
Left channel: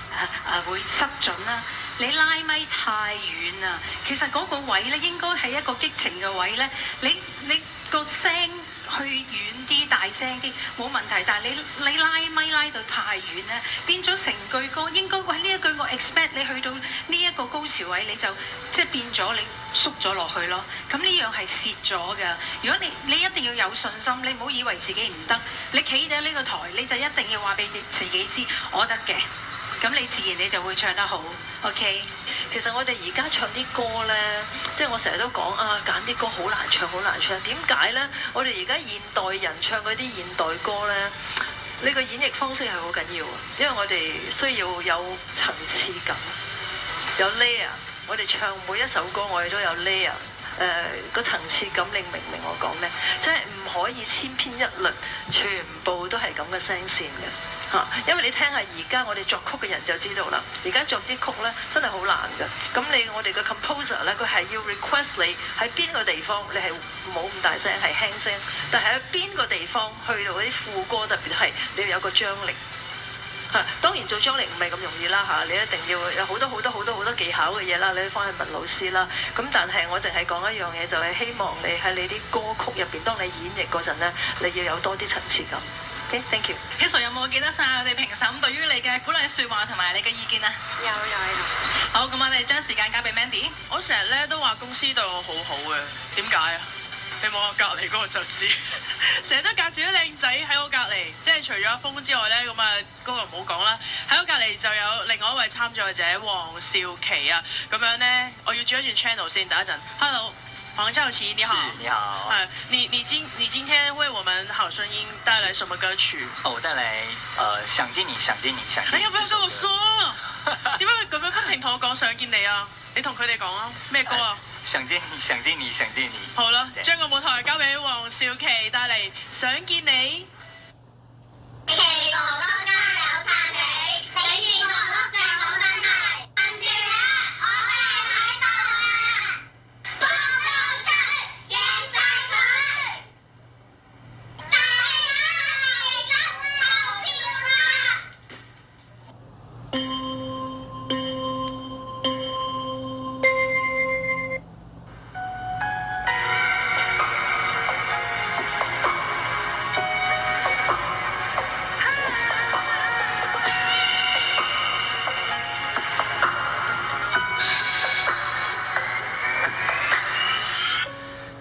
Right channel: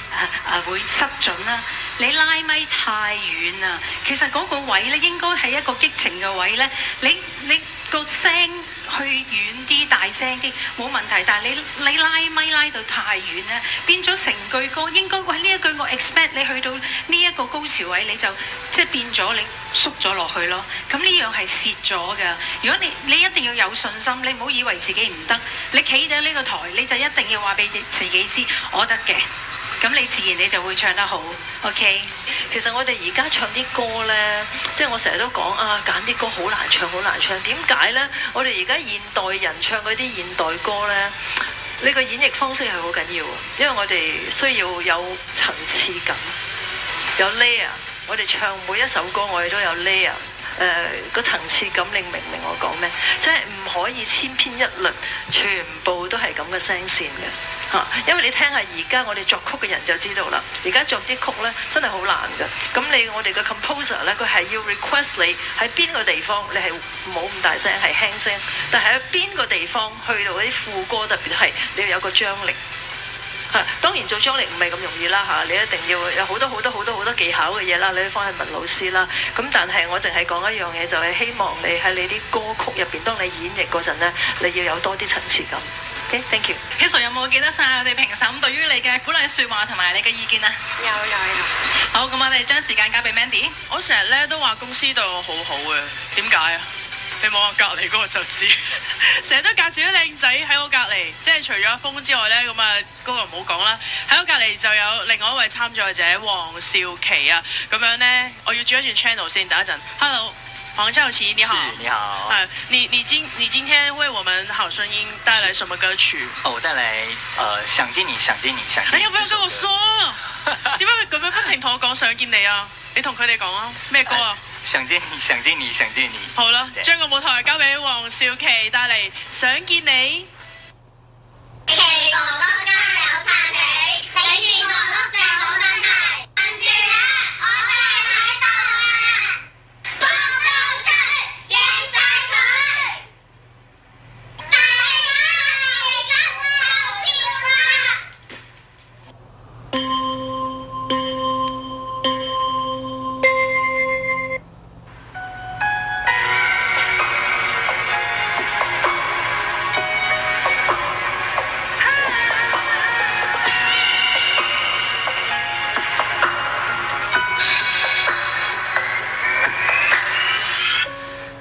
會失準啦。你拉咪太遠啦，其實嗰個位咧應該係一個激情嘅位咧，你個聲去遠啲、大聲啲冇問題，但係你拉咪拉到太遠咧，變咗成句歌應該喂呢一句我 expect 你去到呢一個高潮位你就即係變咗你縮咗落去咯，咁呢樣係蝕咗㗎。如果你一定要有信心，你唔好以為自己唔得，你企喺呢個台你就一定要話俾自己知我得嘅。咁你自然你就會唱得好 ，OK？其實我哋而家唱啲歌呢，即係我成日都講啊，揀啲歌好難唱，好難唱。點解呢？我哋而家現代人唱嗰啲現代歌呢，你個演繹方式係好緊要啊，因為我哋需要有層次感，有 layer。我哋唱每一首歌，我哋都有 layer。個層次感，你明唔明我講咩？即係唔可以千篇一律，全部都係咁嘅聲線嘅嚇。因為你聽下而家我哋作曲嘅人就知道啦。而家作啲曲咧真係好難嘅。咁我哋嘅 composer 咧，佢係要 request 你喺邊個地方，你係冇咁大聲，係輕聲。但係喺邊個地方去到嗰啲副歌，特別係你要有個張力。當然做張力唔係咁容易啦嚇，你一定要有好多技巧嘅嘢啦，你要翻去問老師啦。咁但係我淨係講一樣嘢，就係希望你喺你啲歌曲入邊，當你演繹嗰陣咧，你要有多啲層次感。OK，thank you。Hazel 有冇記得晒我哋評審對於你嘅鼓勵説話同埋你嘅意見啊？有。好，咁我哋將時間交俾 Mandy。我成日咧都話公司對我好好嘅，點解啊？你望我隔離嗰個就知，成日都介紹啲靚仔喺我隔離，即係除咗阿峰之外咧，咁啊嗰個唔好講啦。喺我隔離就有另外一位參賽者黃少祺啊，咁樣咧，我要轉一轉 channel 先，等一陣。Hello， 黃少祺你好。你好。你今天為我們好聲音帶來什麼歌曲？我帶來想見你，想見你，想見你。你要不要跟我說？點解佢咁樣不停同我講想見你啊？你同佢哋講啊，咩歌啊？想見你，想見你，想見你。好啦，將個舞台交俾黃少祺帶嚟，想見你。奇哥哥加油撐你，你見我碌正冇問題，跟住咧我哋喺度啊，幫到佢，贏晒佢，大家一齊投票啊！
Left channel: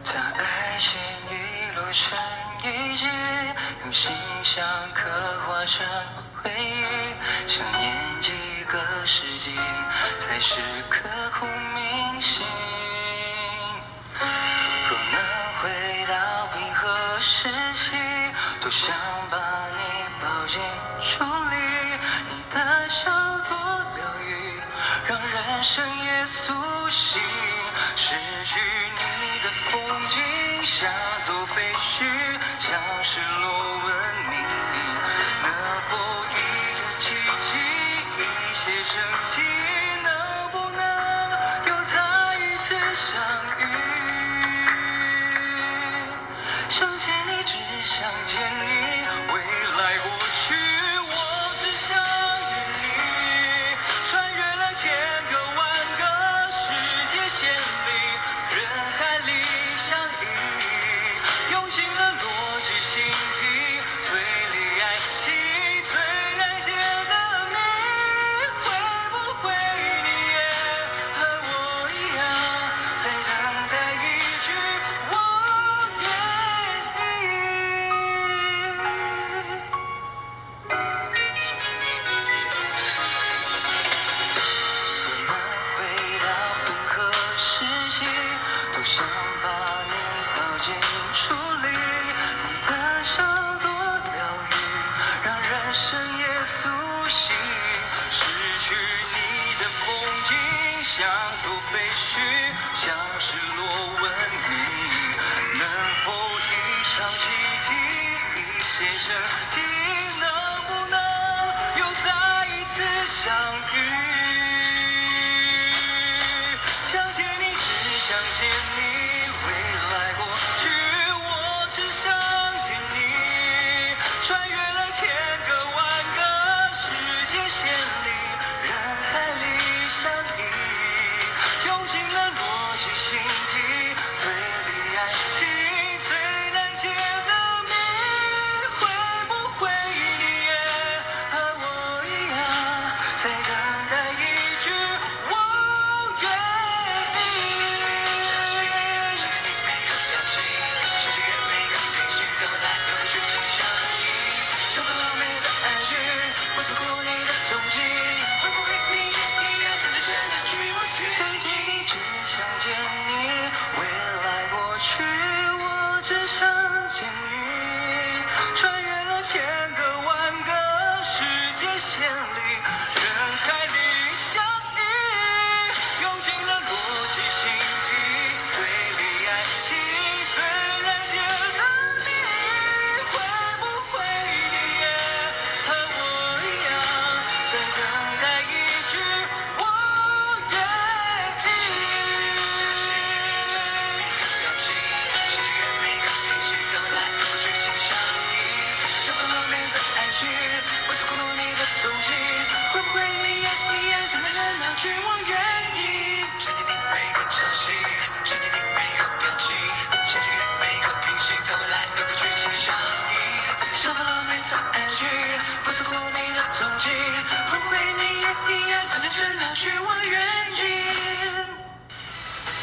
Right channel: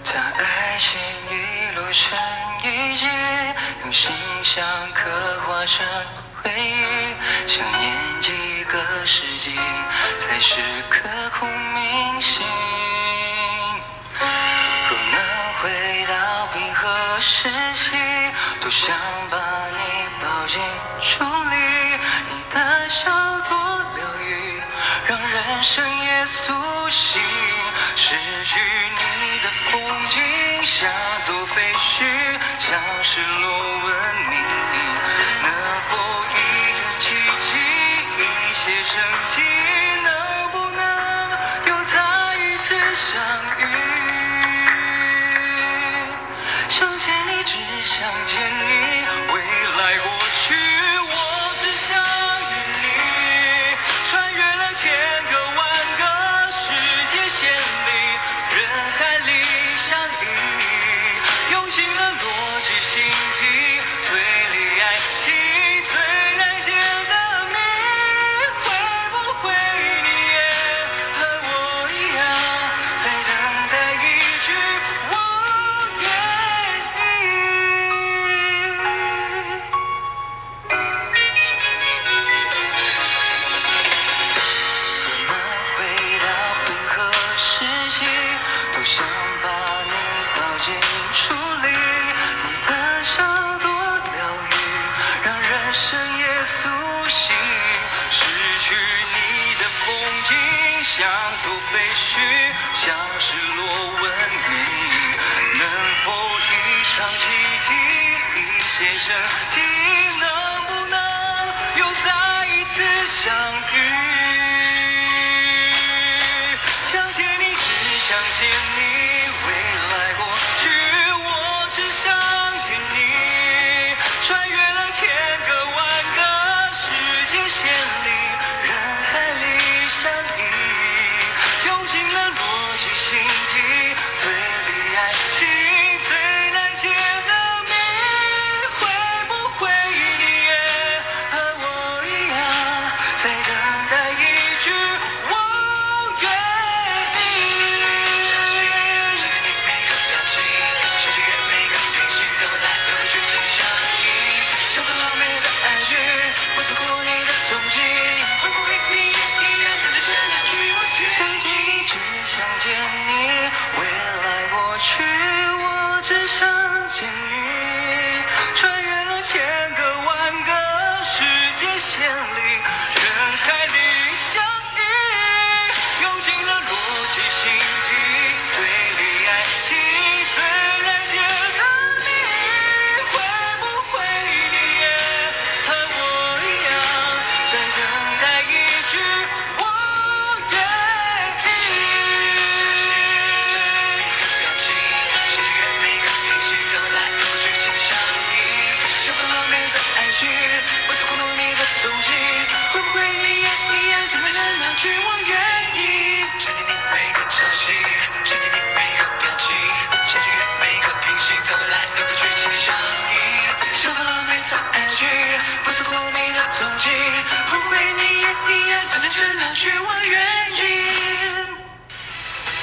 将爱情一路成一句，用形象刻画成回忆，想念几个世纪，才是刻骨铭心。若能回到冰河时期，多想把你抱进处理，你的笑多疗愈，让人生也苏醒。失去你的风景像座废墟，像失落文明，能否一个奇迹，一些生机，能不能又再一次相遇？想见你，只想见你，未来过去，我只想见你，穿越了千个万个世界线里，人海里相依，用尽了逻辑心机，推理爱情最难解的谜，会不会你也和我一样，在等待一句我愿意？若能回到冰河时期，多想把你抱进处理，你的笑多疗愈，让人生也苏醒。失去你的风景像座废墟，像失落文明，能否一场奇迹，一些生机，能不能又再一次相遇？想见你，只想见你，未来过去，我只想见你，穿越了千个万个世界线里，人海里相依，用尽了逻辑心机，推理爱情最难解的谜，会不会你也和我一样，在等待一句我愿意？像个浪漫在暗示，我错过你的踪迹，会不会你也一样等待着那句我愿意？想见你，只想见你，未来过去，我只想见你，穿越了千个万个世界线里，人海里相依，用尽了逻辑心机，推理爱情最难解的谜，会不会你也和我一样，在等待一句我愿意？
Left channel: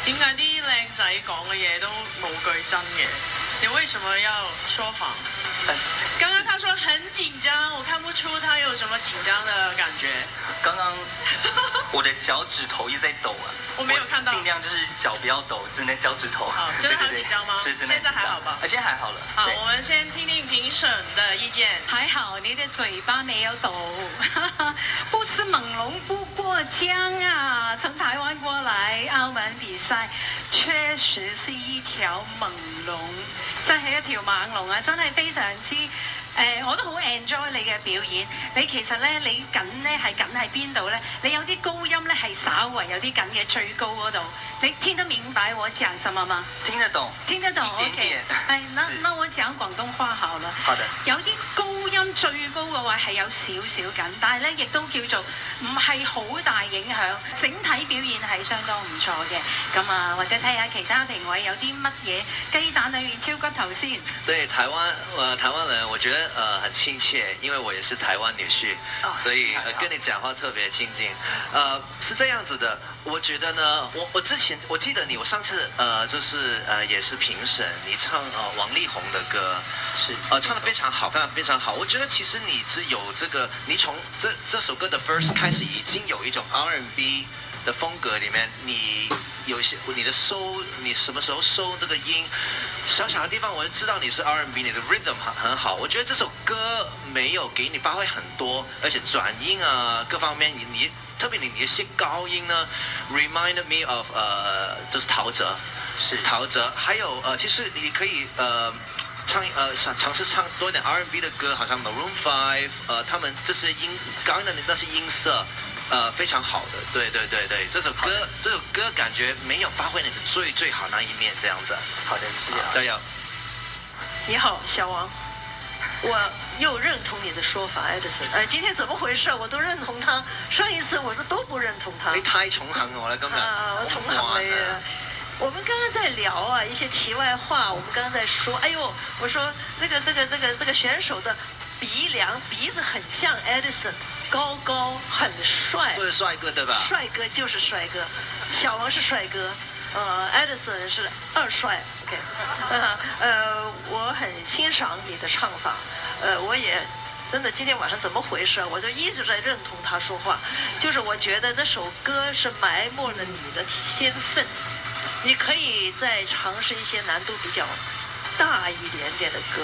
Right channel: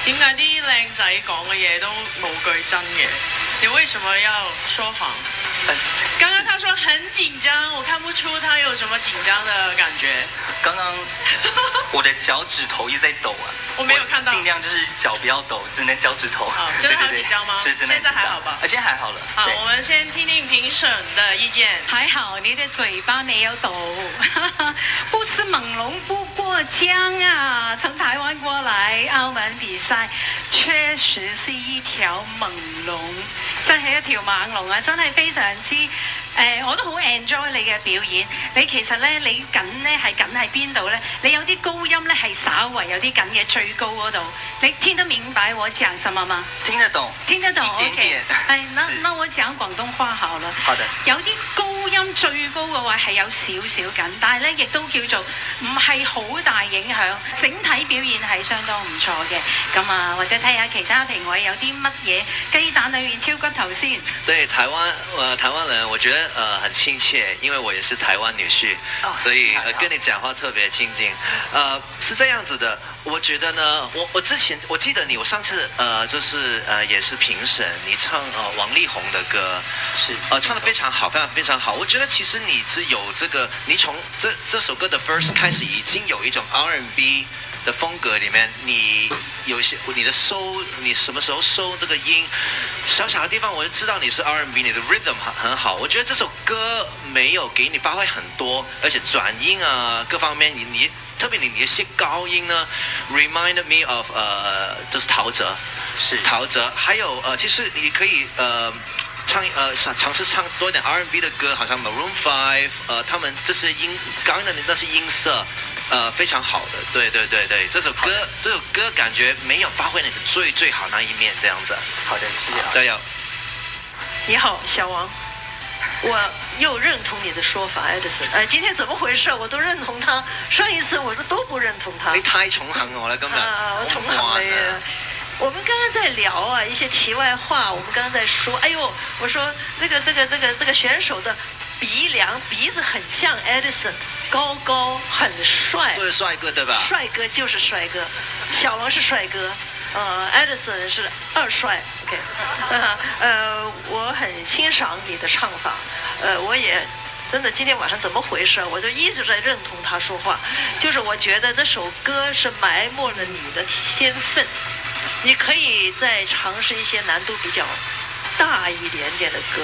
點解啲靚仔講嘅嘢都冇句真嘅？你為什麼要說謊？剛剛他說很緊張，我看不出他有什麼緊張的感覺。剛剛我的腳趾頭一直在抖啊，我沒有看到，盡量就是腳不要抖，只能腳趾頭。真的好緊張嗎？是真的。現在還好吧？現在還好了。好，我們先聽聽評審的意見。還好你的嘴巴沒有抖，不是猛龍不過江啊！從台灣過來澳門比賽，確實是一條猛龍，真係一條猛龍啊！真係非常之我都好 enjoy 你嘅表演。你其實咧，你緊咧係緊喺邊度咧？你有啲高音咧係稍為有啲緊嘅最高嗰度。你聽得明白我講什麼嗎？聽得懂，聽得懂。一點點。係，那我講廣東話好了。好的。有啲高音最高嘅話係有少少緊，但係咧亦都叫做唔係好大影響，整體表現係相當唔錯嘅。咁啊，或者睇下其他評委有啲乜嘢雞蛋裏面挑骨頭先。對台灣人，我覺得很親切，因為我也是台灣女婿，所以跟你講話特別親近。是這樣子的，我覺得呢，我之前我記得你，我上次就是也是評審，你唱王力宏的歌，是唱得非常好，非常非常好。我覺得其實你是有這個，你從這首歌的 first 開始已經有一種 R&B 的風格裡面，你有些你的收，你什麼時候收這個音，小小的地方我就知道你是 R&B， 你的 rhythm 很好。我覺得這首歌沒有給你發揮很多，而且轉音啊各方面，你特別你一些高音呢 ，reminded me of 就是陶喆，是陶喆，還有其實你可以嘗試唱多一點 R&B 的歌，好像 Maroon 5，他們這些音，剛剛的那些音色。非常好的，對，這首歌感覺沒有發揮你的最好那一面，這樣子。好的，謝謝。加油。你好，小王，我又認同你的說法，Edison。今天怎麼回事？我都認同他。上一次我都不認同他。你太寵幸我了，今日。我寵幸你啊！我們剛剛在聊啊，一些題外話。我們剛剛在說，哎呦，我說這個選手的鼻子很像 Edison。高很帥，都是帥哥對吧？帥哥就是帥哥，小王是帥哥，Edison 是二帥。OK，我很欣賞你的唱法，我也真的今天晚上怎麼回事？我就一直在認同他說話，就是我覺得這首歌是埋沒了你的天分，你可以再嘗試一些難度比較大一點點的歌。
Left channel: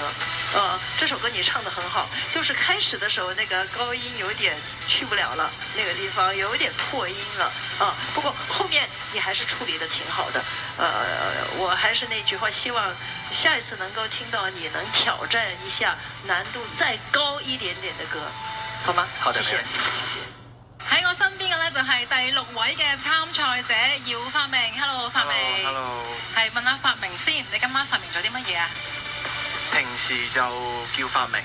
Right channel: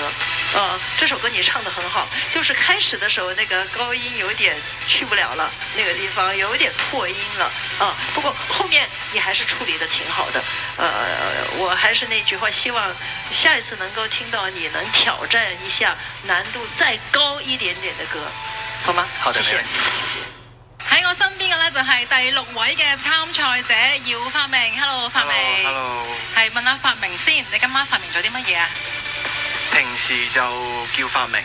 這首歌你唱得很好，就是開始的時候那個高音有點去不了了，那個地方有點破音了不過後面你還是處理得挺好的。我還是那句話，希望下一次能夠聽到你能挑戰一下難度再高一點點的歌，好嗎？好的，謝謝。喺我身邊嘅呢，就係第6位嘅參賽者姚發明。Hello， 發明。Hello。係問下發明先，你今晚發明咗啲乜嘢啊？平時就叫發明，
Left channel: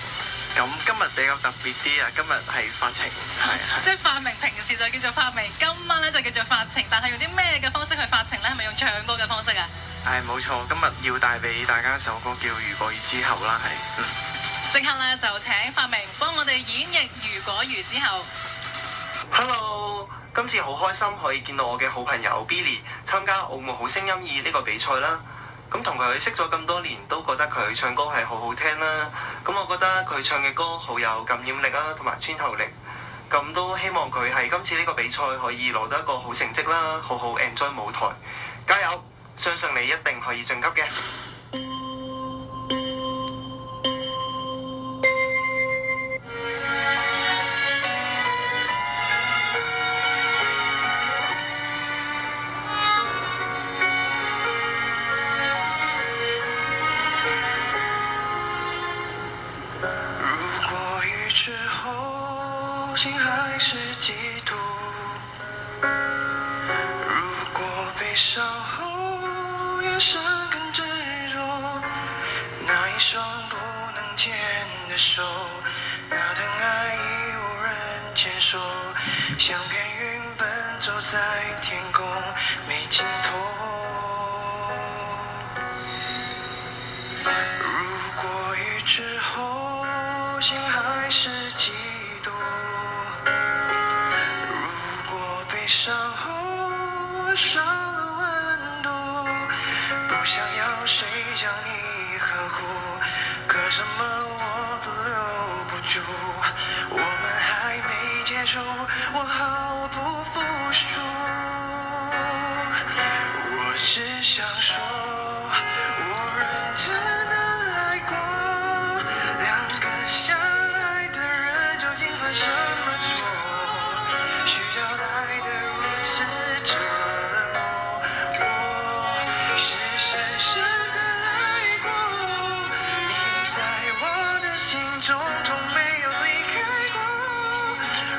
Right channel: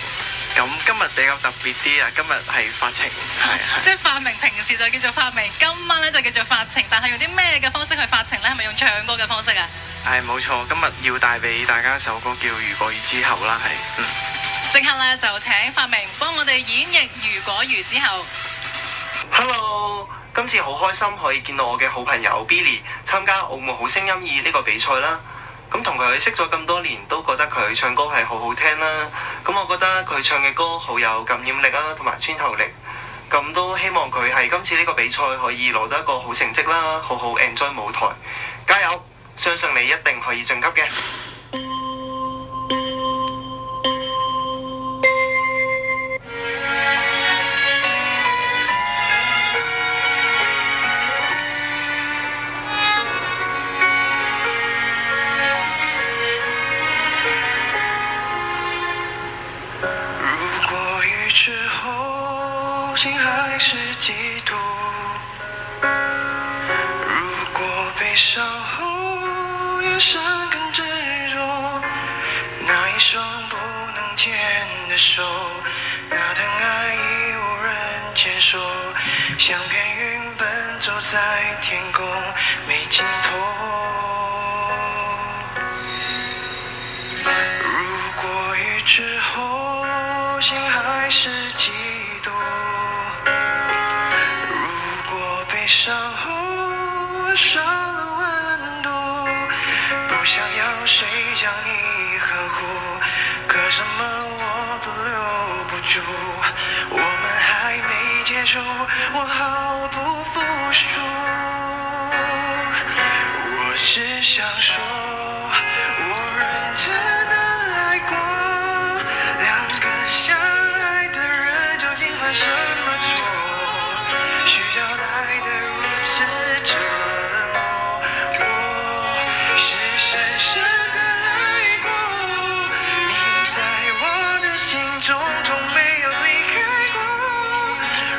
咁今日比較特別啲啊！今日係發情，係。即係發明平時就叫做發明，今晚咧就叫做發情，但係用啲咩嘅方式去發情咧？係咪用唱歌嘅方式啊？係冇錯，今日要帶俾大家一首歌叫《如果雨之後》啦，係。即刻咧就請發明幫我哋演繹《如果雨之後》。Hello， 今次好開心可以見到我嘅好朋友 Billy 參加《澳門好聲音2》呢個比賽啦。咁同佢識咗咁多年，都覺得佢唱歌係好好聽啦。咁我覺得佢唱嘅歌好有感染力啦，同埋穿透力。咁都希望佢喺今次呢個比賽可以攞到一個好成績啦，好好 enjoy 舞台。加油！相信你一定可以晉級嘅。心還是嫉妒，如果悲傷後眼神更執着，那一雙不能牽的手，那段愛已無人牽手，像片雲奔走在天空沒盡頭。如果雨之後心還是嫉妒，傷後少了溫度，想要谁将你呵护，可什么我都留不住。我们还没结束，我毫不服输。我只想说，我认真的爱过。两个相爱的人究竟犯什么错，需要爱的如此折磨？我是深深的爱过，你在我的心中从没有离开过。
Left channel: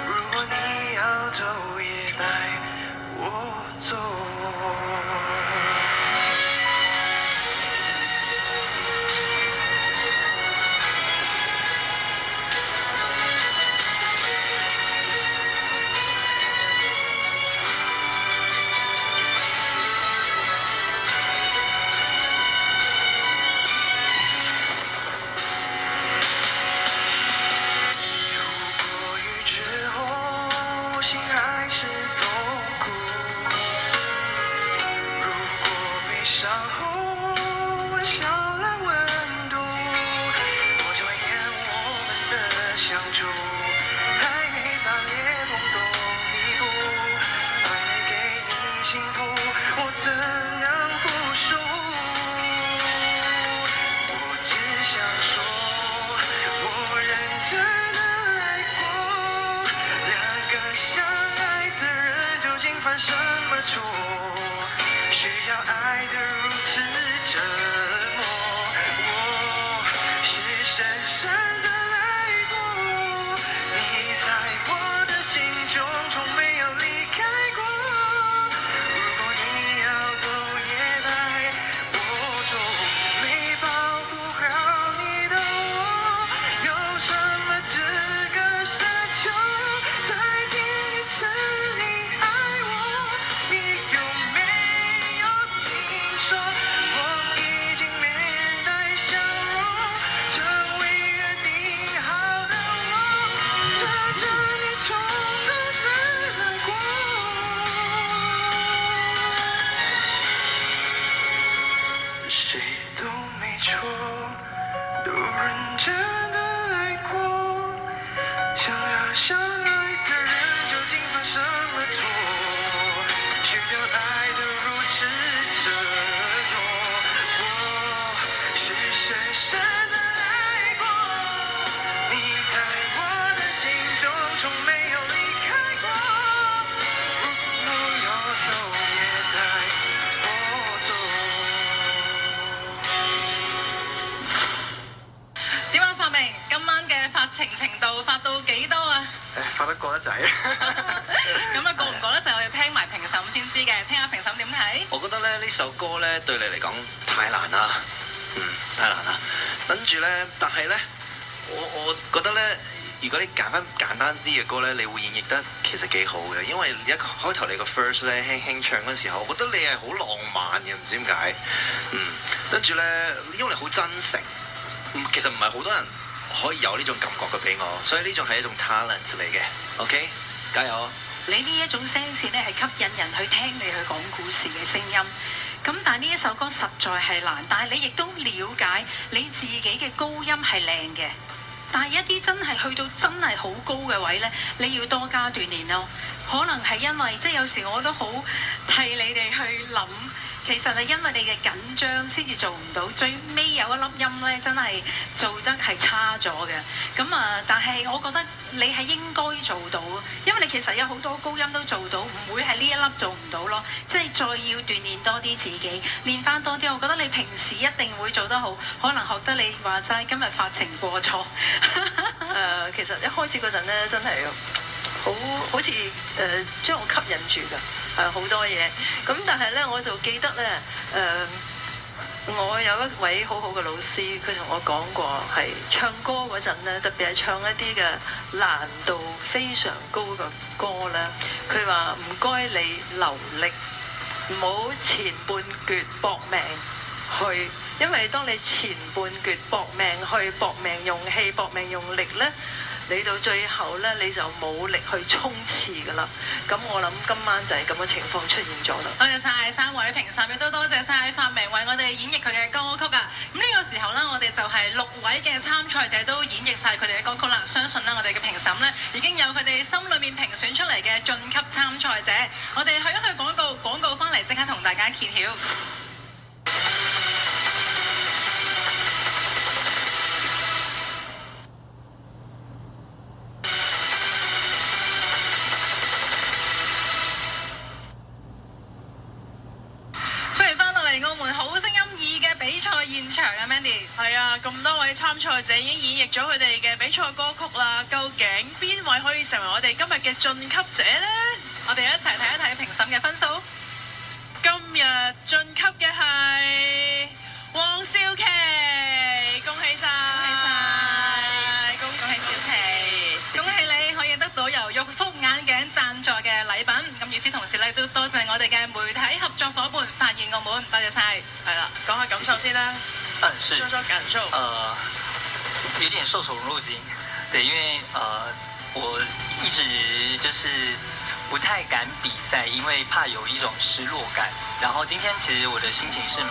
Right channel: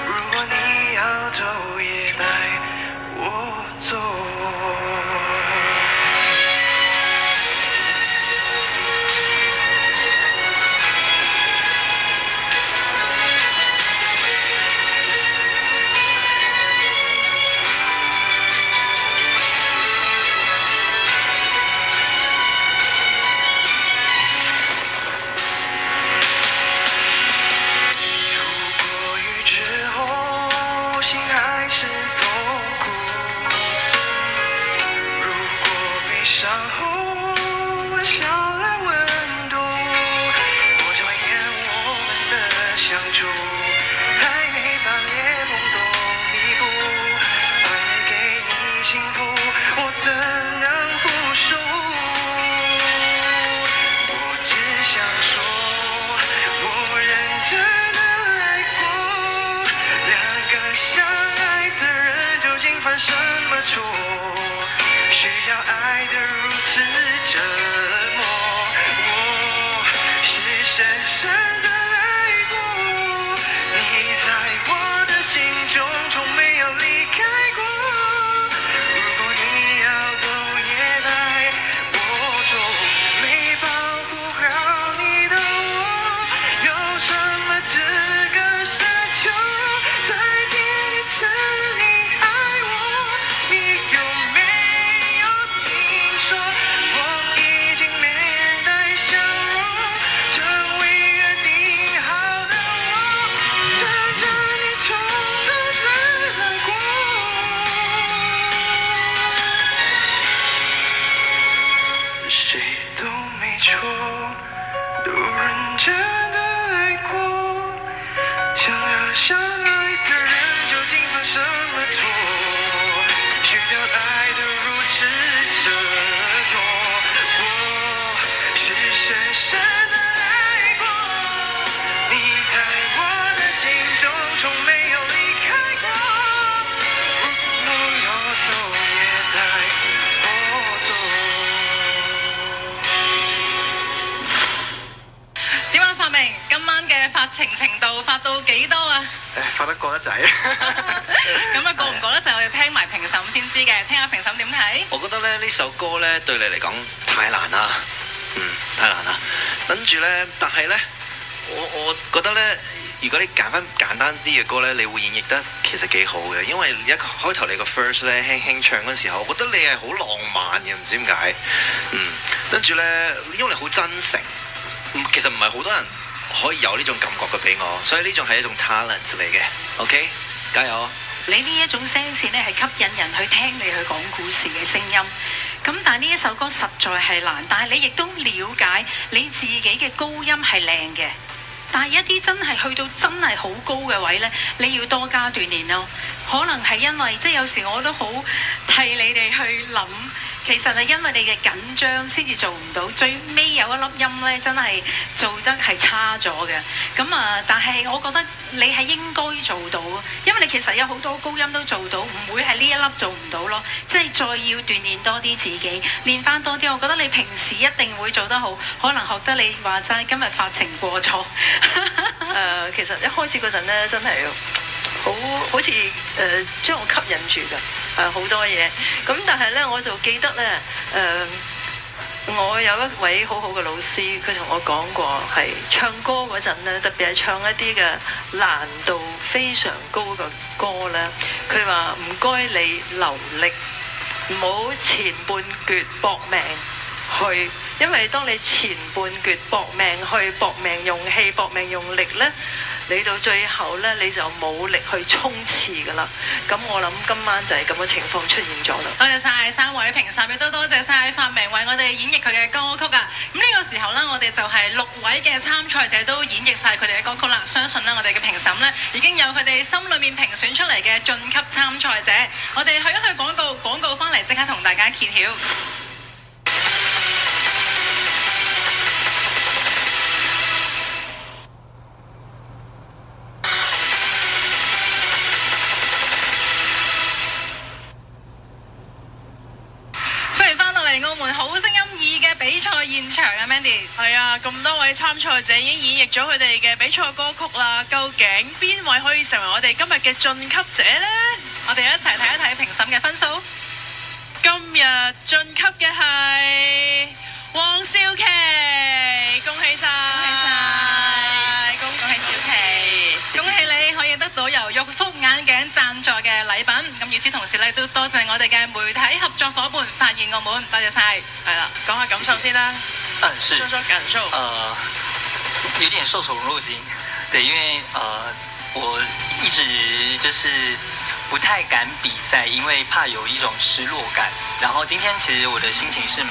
如果你要走，也带我走。什么错？需要爱的如此折磨？我是深深的爱过，你在我的心中从没有离开过。如果你要走，也带我走。没保护好你的我，有什么资格奢求再听一次你爱我？你有没有听说，我已经面带笑容，成为约定好的我，等着你从头再来过。谁都没错，都认真的爱过，相爱的人究竟犯什么错？需要爱的如此折磨？我是深深的爱过，你在我的心中从没有离开过。如果要走，也帶我走。點啊，發明今晚嘅發情程度發到幾多啊？發得過得滯。咁啊，過唔過得就我要聽埋評審先知嘅，聽下評審點睇。我覺得咧呢首歌咧對你嚟講太難啦，太難啦。跟住咧，但係咧，我覺得咧，如果你揀翻簡單啲嘅歌咧，你會演繹得其實幾好嘅，因為一開頭你個 first 咧輕輕唱嗰時候，我覺得你係好浪漫嘅，唔知點解。跟住咧，因為你好真誠，其實唔係好多人可以有呢種感覺嘅俾我，所以呢種係一種 talent 嚟嘅。OK， 加油！你呢一種聲線咧係吸引人去聽你去講故事嘅聲音。咁但係呢一首歌實在係難，但係你亦都了解你自己嘅高音係靚嘅。但係一啲真係去到真係好高嘅位呢，你要多加鍛鍊咯。可能係因為即係有時我都好替你哋去諗，其實係因為你嘅緊張先至做唔到，最尾有一粒音呢，真係做得係差咗嘅。咁啊，但係我覺得你係應該做到，因為你其實有好多高音都做到，唔會係呢一粒做唔到咯。即係再要鍛鍊多啲自己，練翻多啲。我覺得你平時一定會做得好，可能學得你話齋今日發情過錯。其實一開始嗰陣咧，真係好似將我吸引住㗎，好多嘢。咁但係咧，我就記得咧，我有一位好好嘅老師，佢同我講過，係唱歌嗰陣咧，特別係唱一啲嘅難度非常高嘅歌咧，佢話唔該你留力，唔好前半橛搏命去，因為當你前半橛搏命去、搏命用氣、搏命用力咧，你到最後呢，你就冇力去衝刺㗎啦。咁我諗今晚就係咁嘅情況出現咗啦。多謝晒3位評審，亦都多謝晒發明為我哋演繹佢嘅歌曲啊！咁呢個時候呢，我哋就係6位嘅參賽者都演繹晒佢哋嘅歌曲啦。相信呢，我哋嘅評審呢已經有佢哋心裏面評選出嚟嘅晉級參賽者。我哋去一去廣告，廣告翻嚟即刻同大家揭曉。澳門好聲音2嘅比賽現場啊 ，Mandy。係啊，咁多位參賽者已經演繹咗佢哋嘅比賽歌曲啦。究竟邊位可以成為我哋今日嘅晉級者呢？我哋一齊睇一睇評審嘅分數。今日晉級嘅係黃少琪，恭喜晒！恭喜小琪，恭喜你可以得到由玉福眼鏡贊助嘅禮品。咁與此同時咧，都多謝我哋嘅媒體合作夥伴發現澳門，多謝晒。係啦，講下感受先啦。是。說說感受。有點受寵若驚，對，因為我一直就是不太敢比賽，因為怕有一種失落感。然後今天其實我的心情是蠻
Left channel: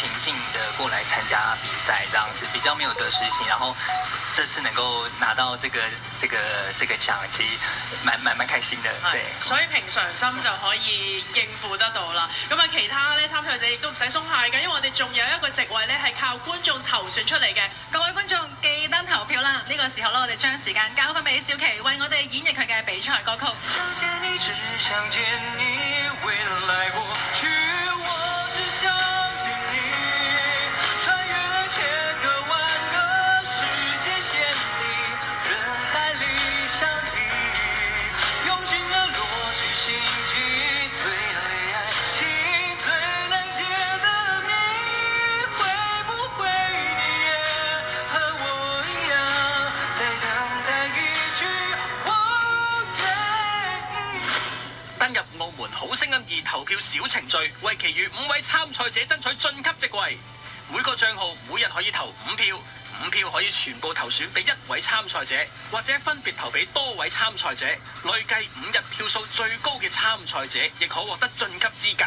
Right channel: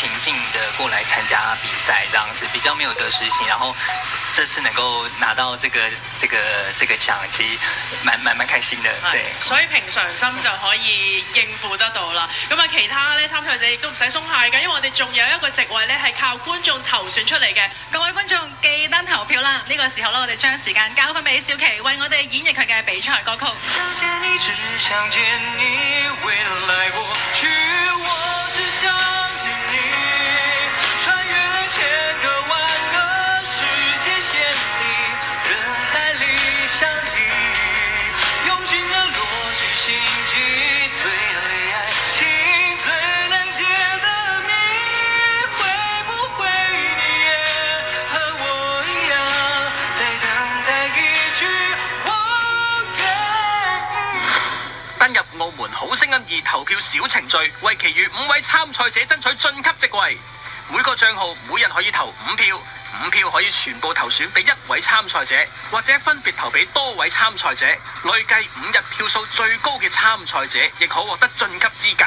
平靜的過來參加比賽，這樣子比較沒有得失心。然後這次能夠拿到這個獎，其實蠻開心的。對，所以平常心就可以應付得到啦。咁啊，其他咧參賽者亦都唔使鬆懈嘅，因為我哋仲有一個席位咧係靠觀眾投選出嚟嘅。各位觀眾記得投票啦！呢個時候咧，我哋將時間交翻俾小琪，為我哋演繹佢嘅比賽歌曲。想見你，只想見你，未來過去，我只想見你，穿越了千個萬個時間線裡，人海裡相遇，用盡了邏輯心機，對戀愛情最難解的謎，會不會你也和我一樣，在等待一句我願意。登入澳門好聲音2投票小程序，為其餘5位參賽者爭取晉級席位。每個帳號每日可以投5票，5票可以全部投選俾1位參賽者，或者分別投俾多位參賽者。累計5日票數最高嘅參賽者，亦可獲得晉級資格。